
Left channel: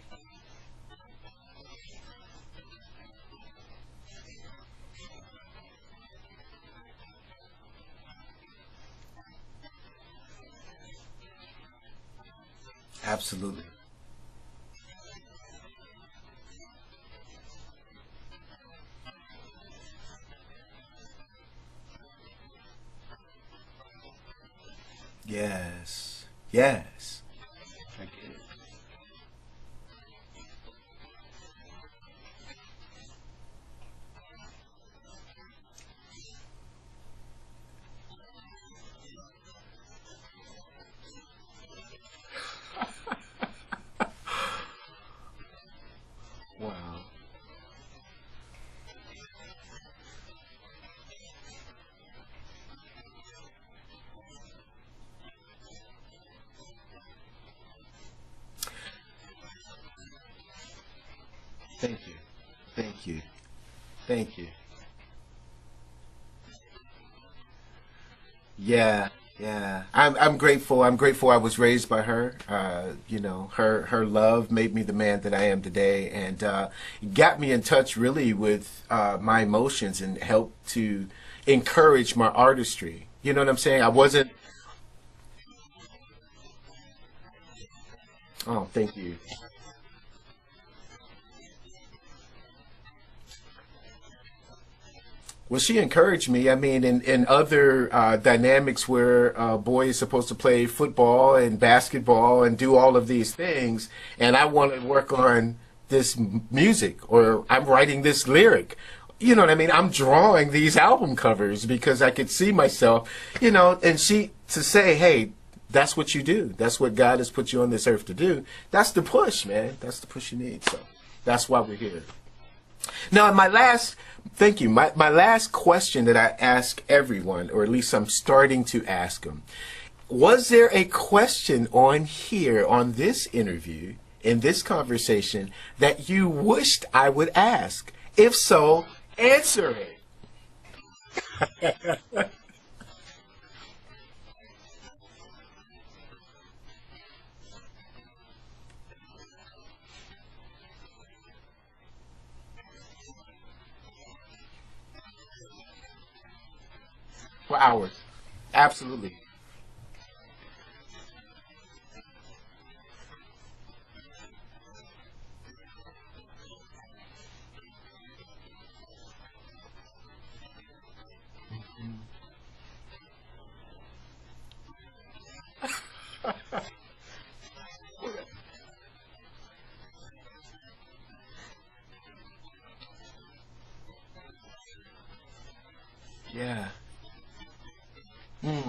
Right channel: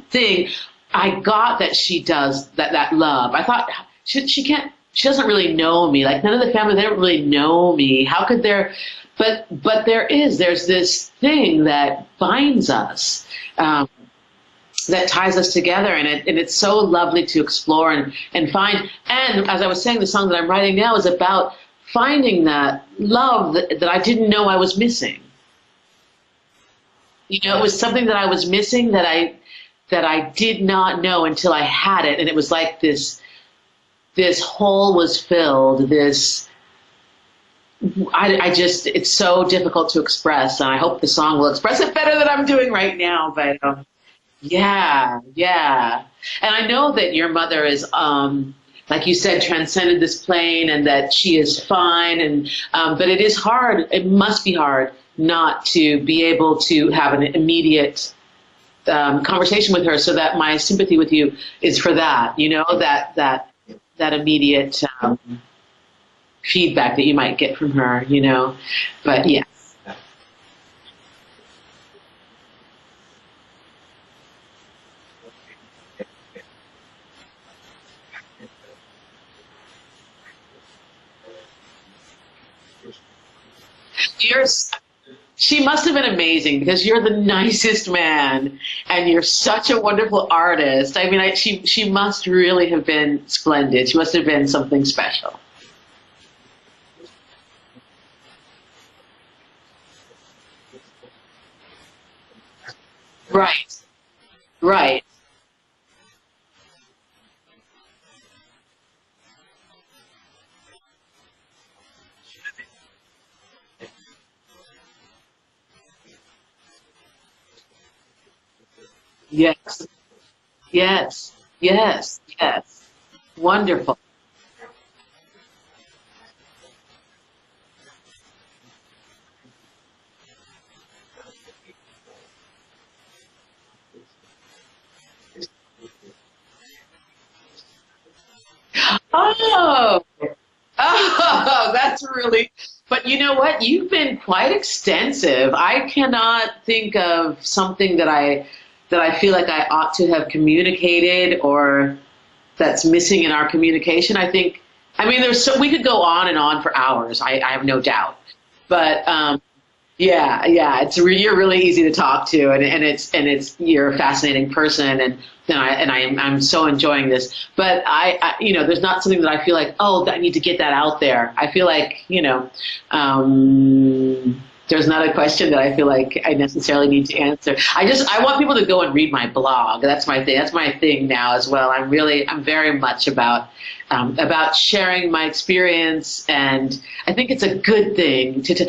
thing, I got that she does that love. I thought she doesn't really know me. Like, none of the family, they don't really know me. How could there, but there's this thing that binds us, that ties us together. And it's so lovely to explore and find. And as I was saying, the song that I'm writing now is about finding that love that I didn't know I was missing. Yes. Yes. You know, it was something that I was missing that I did not know until I had it. And it was like this hole was filled. It's so difficult to express, and I hope the song will express it better than I'm doing right now. But yeah. And I know that your mother is, like you said, transcended this plane, and that she is fine. And but it is hard. It must be hard not to be able to have an immediate conversation with her. So that my sympathy with you is for that. You know, that immediate feedback that you might get from her, you know. But I'm grateful. I'm grateful I was raised by her. You know, her love made me the man that I am today, and got me in touch really with my emotions and helped to encourage my artistry. You know what I'm saying? I wasn't. She must have been amazing, because you're the nicest man, and you're such a wonderful artist. I mean, she must really have been splendid. She must have been something special. Well, she encouraged me. I mean, in other dynamics where a boy is supposed to play football and basketball and do all of these things, and I want to work on this music, or I'm writing this lyric. You know what I mean? I'm drawing these album covers because I could see myself, you know, and to say, hey, that's what you do. That's what God has put you on this earth to do. That's the push, man. That's the push you need. Yes. That's why. Yes. Now, thank you. My last question that I ask everyone, or at least I'm starting to ask them, was there a question on here, on this interview, in this conversation, that you wished I would ask? If so, Oh, oh, that's really, but you know what? You've been quite extensive. I cannot think of something that I feel like I ought to have communicated or that's missing in our communication. I mean, we could go on and on for hours. I have no doubt. Absolutely. But yeah, you're really easy to talk to, and you're a fascinating person, and I'm so enjoying this. But there's not something that I feel like, oh, I need to get that out there. I feel like, there's not a question that I feel like I necessarily need to answer. I want people to go and read my blog. That's my thing. That's my thing now as well. I'm very much about sharing my experience, and I think it's a good thing to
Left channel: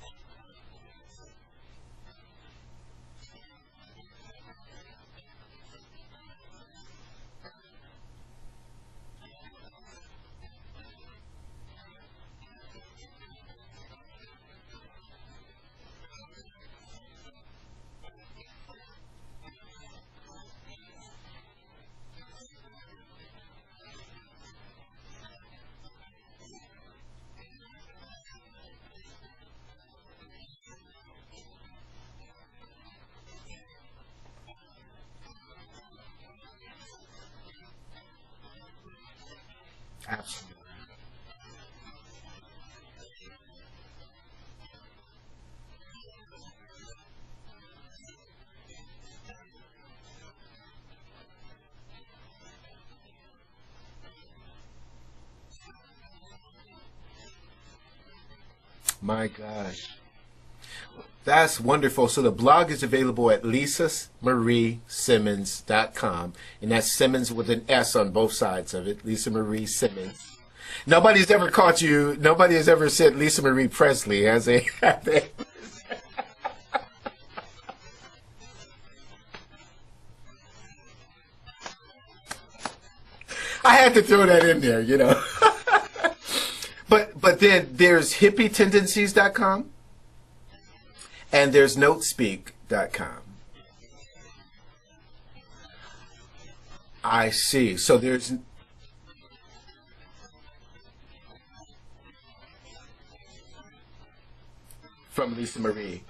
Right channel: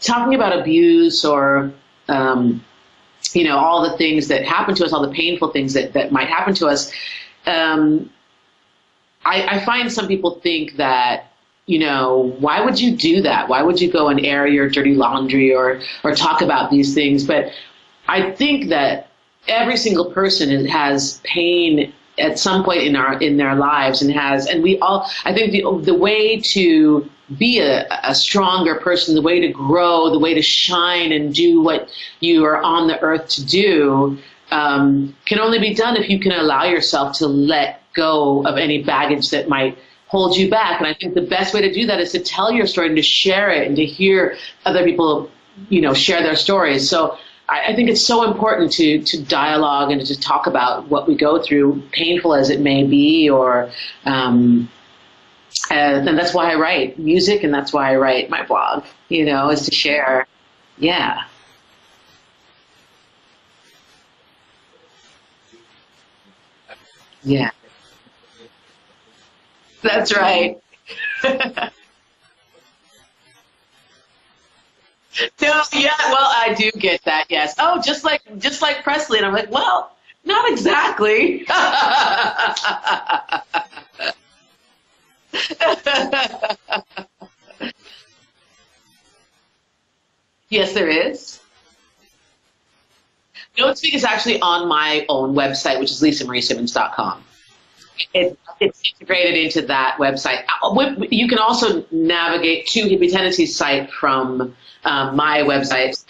talking about abuse or, all the things that happen to us, all the painful things that might happen to us. I find some people think that, why would you do that? Why would you go and air your dirty laundry or talk about these things? But I think that every single person has pain at some point in their lives, and we all, I think the way to be a stronger person, the way to grow, the way to shine and do what you are on the earth to do, can only be done if you can allow yourself to let go of any baggage that might hold you back. And I think the best way to do that is to tell your story and to share it and to hear other people, share their stories. So I think it's so important to dialogue and to talk about what we go through, painful as it may be, and that's why I write music, and that's why I write my blog, is to share. Yeah. That's wonderful. So the blog is available at lisamariesimmons.com. And that's Simmons with an S on both sides of it. Lisa Marie Simmons. That's right. Nobody has ever said Lisa Marie Presley, has they? No, yeah, well, I do get that, yes. Oh, just like Presley. And I'm like, well, not exactly. I had to throw that in there, But then there's hippietendencies.com. Yes, there is. And there's Notespeak.com. Notespeak is actually on my own website, which is lisamariesimmons.com. I see. So it's integrated into that website. You can also navigate to Hippie Tendencies site from my website.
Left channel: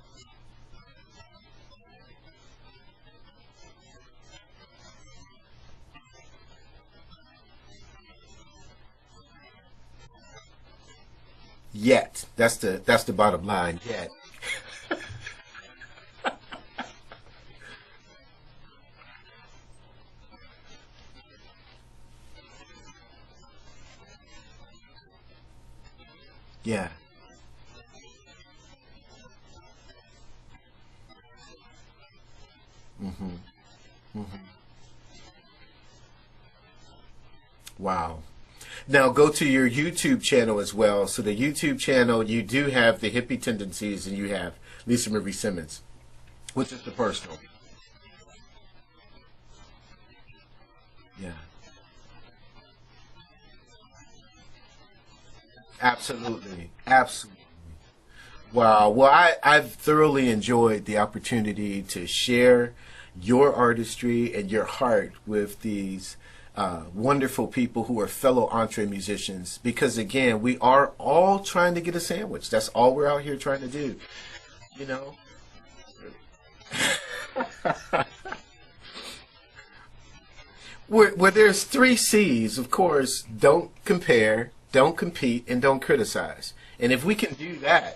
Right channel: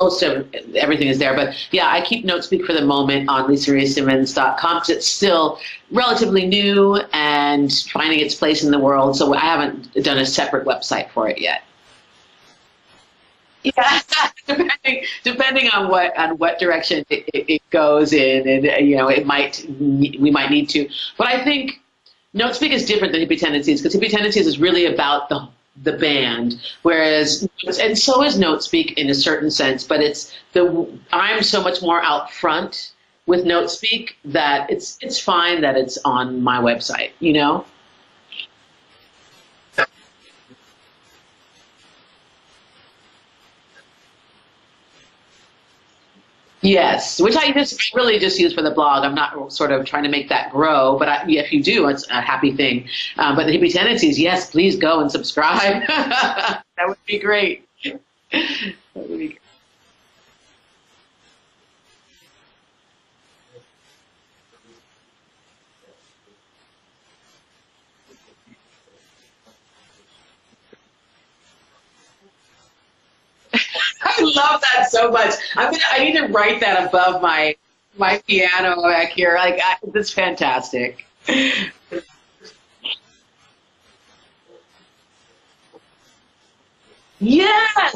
Most of everything is there. But yeah, I keep Notespeak for the moment on lisamariesimmons.com because it's still relatively new and finding its place in the world. So I haven't done a separate website for it yet. That's the bottom line. Yeah. Depending on what direction it goes in, and we might need to. But I think Notespeak is different than Hippie Tendencies because Hippie Tendencies is really about the band, whereas, and so is Notespeak in a certain sense, but I'm so much more out front with Notespeak that it's fine that it's on my website, Wow. Now go to your YouTube channel as well. So the YouTube channel, you do have the Hippie Tendencies and you have Lisa Marie Simmons. Yes, which I really just use for the blog. I'm not sort of trying to make that grow, but if you do, it's a happy thing. But the Hippie Tendencies, yes, please go and subscribe. Absolutely. That would be great. Wow. Well, I've thoroughly enjoyed the opportunity to share your artistry and your heart with these wonderful people who are fellow EntreMusicians, because again, we are all trying to get a sandwich. That's all we're out here trying to do. I love that so much. I need to write that above my piano back here. That's fantastic. Where there's 3 C's, of course: don't compare, don't compete, and don't criticize. And if we can do that,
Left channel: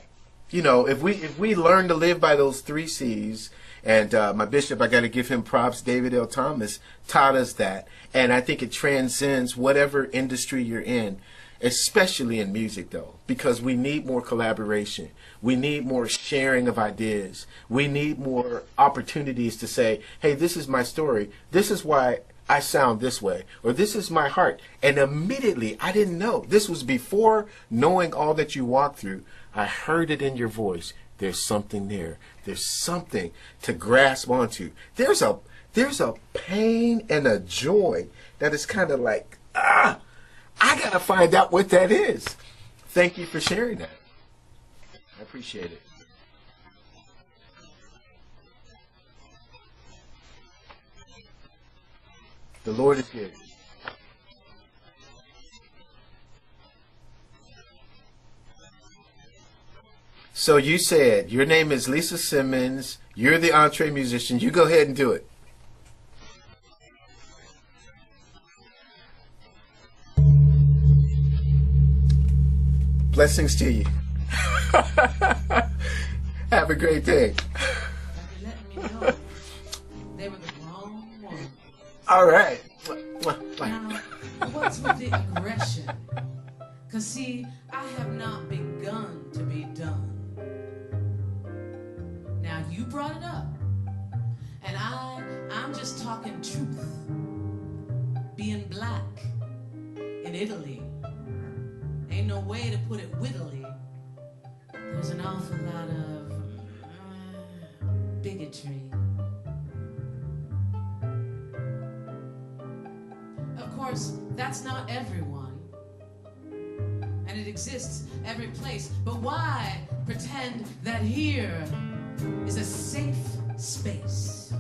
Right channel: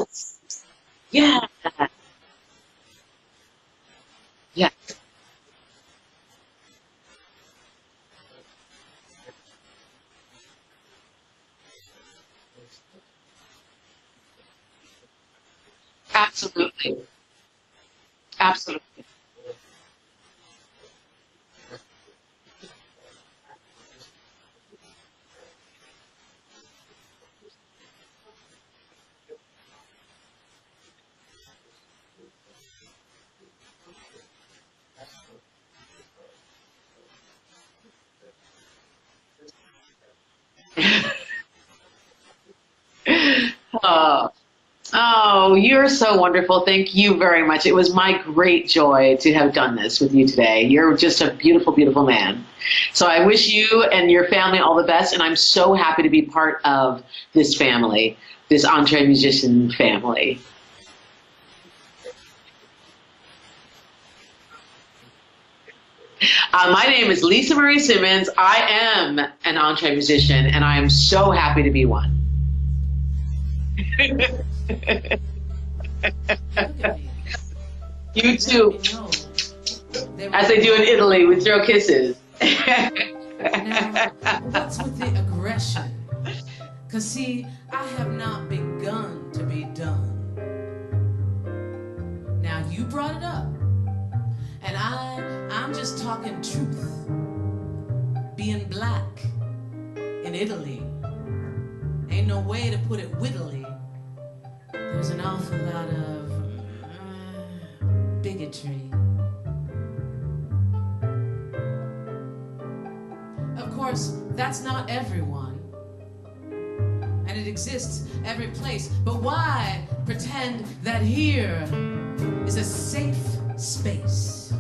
if we learn to live by those 3 C's, and my bishop, I got to give him props, David L. Thomas, taught us that. And I think it transcends whatever industry you're in, especially in music, though, because we need more collaboration. We need more sharing of ideas. We need more opportunities to say, hey, this is my story. This is why I sound this way, or this is my heart. And immediately, I didn't know. This was before knowing all that you walked through. I heard it in your voice. There's something there. There's something to grasp onto. There's a pain and a joy that is kind of like, I gotta find out what that is. Thank you for sharing that. Oh, you're so wonderful. Thank you very much. It was my great joy to have done this with you today. You're just a beautiful, beautiful man. So I wish you and your family all the best, and I'm so happy to be part of this family, this EntreMusician family. So you said your name is Lisa Simmons. You're the EntreMusician. You go ahead and do it. My name is Lisa Marie Simmons. I am an EntreMusician, and I am so happy to be one. Blessings to you. Have a great day. You too. As they do in Italy, we throw kisses. All right. Now, what's with the aggression? Because, see, I have not begun to be done. Now, you brought it up. And I'm just talking truth. Being black in Italy. Ain't no way to put it wittily. There's an awful lot of bigotry. Of course, that's not everyone. And it exists every place. But why pretend that here is a safe space?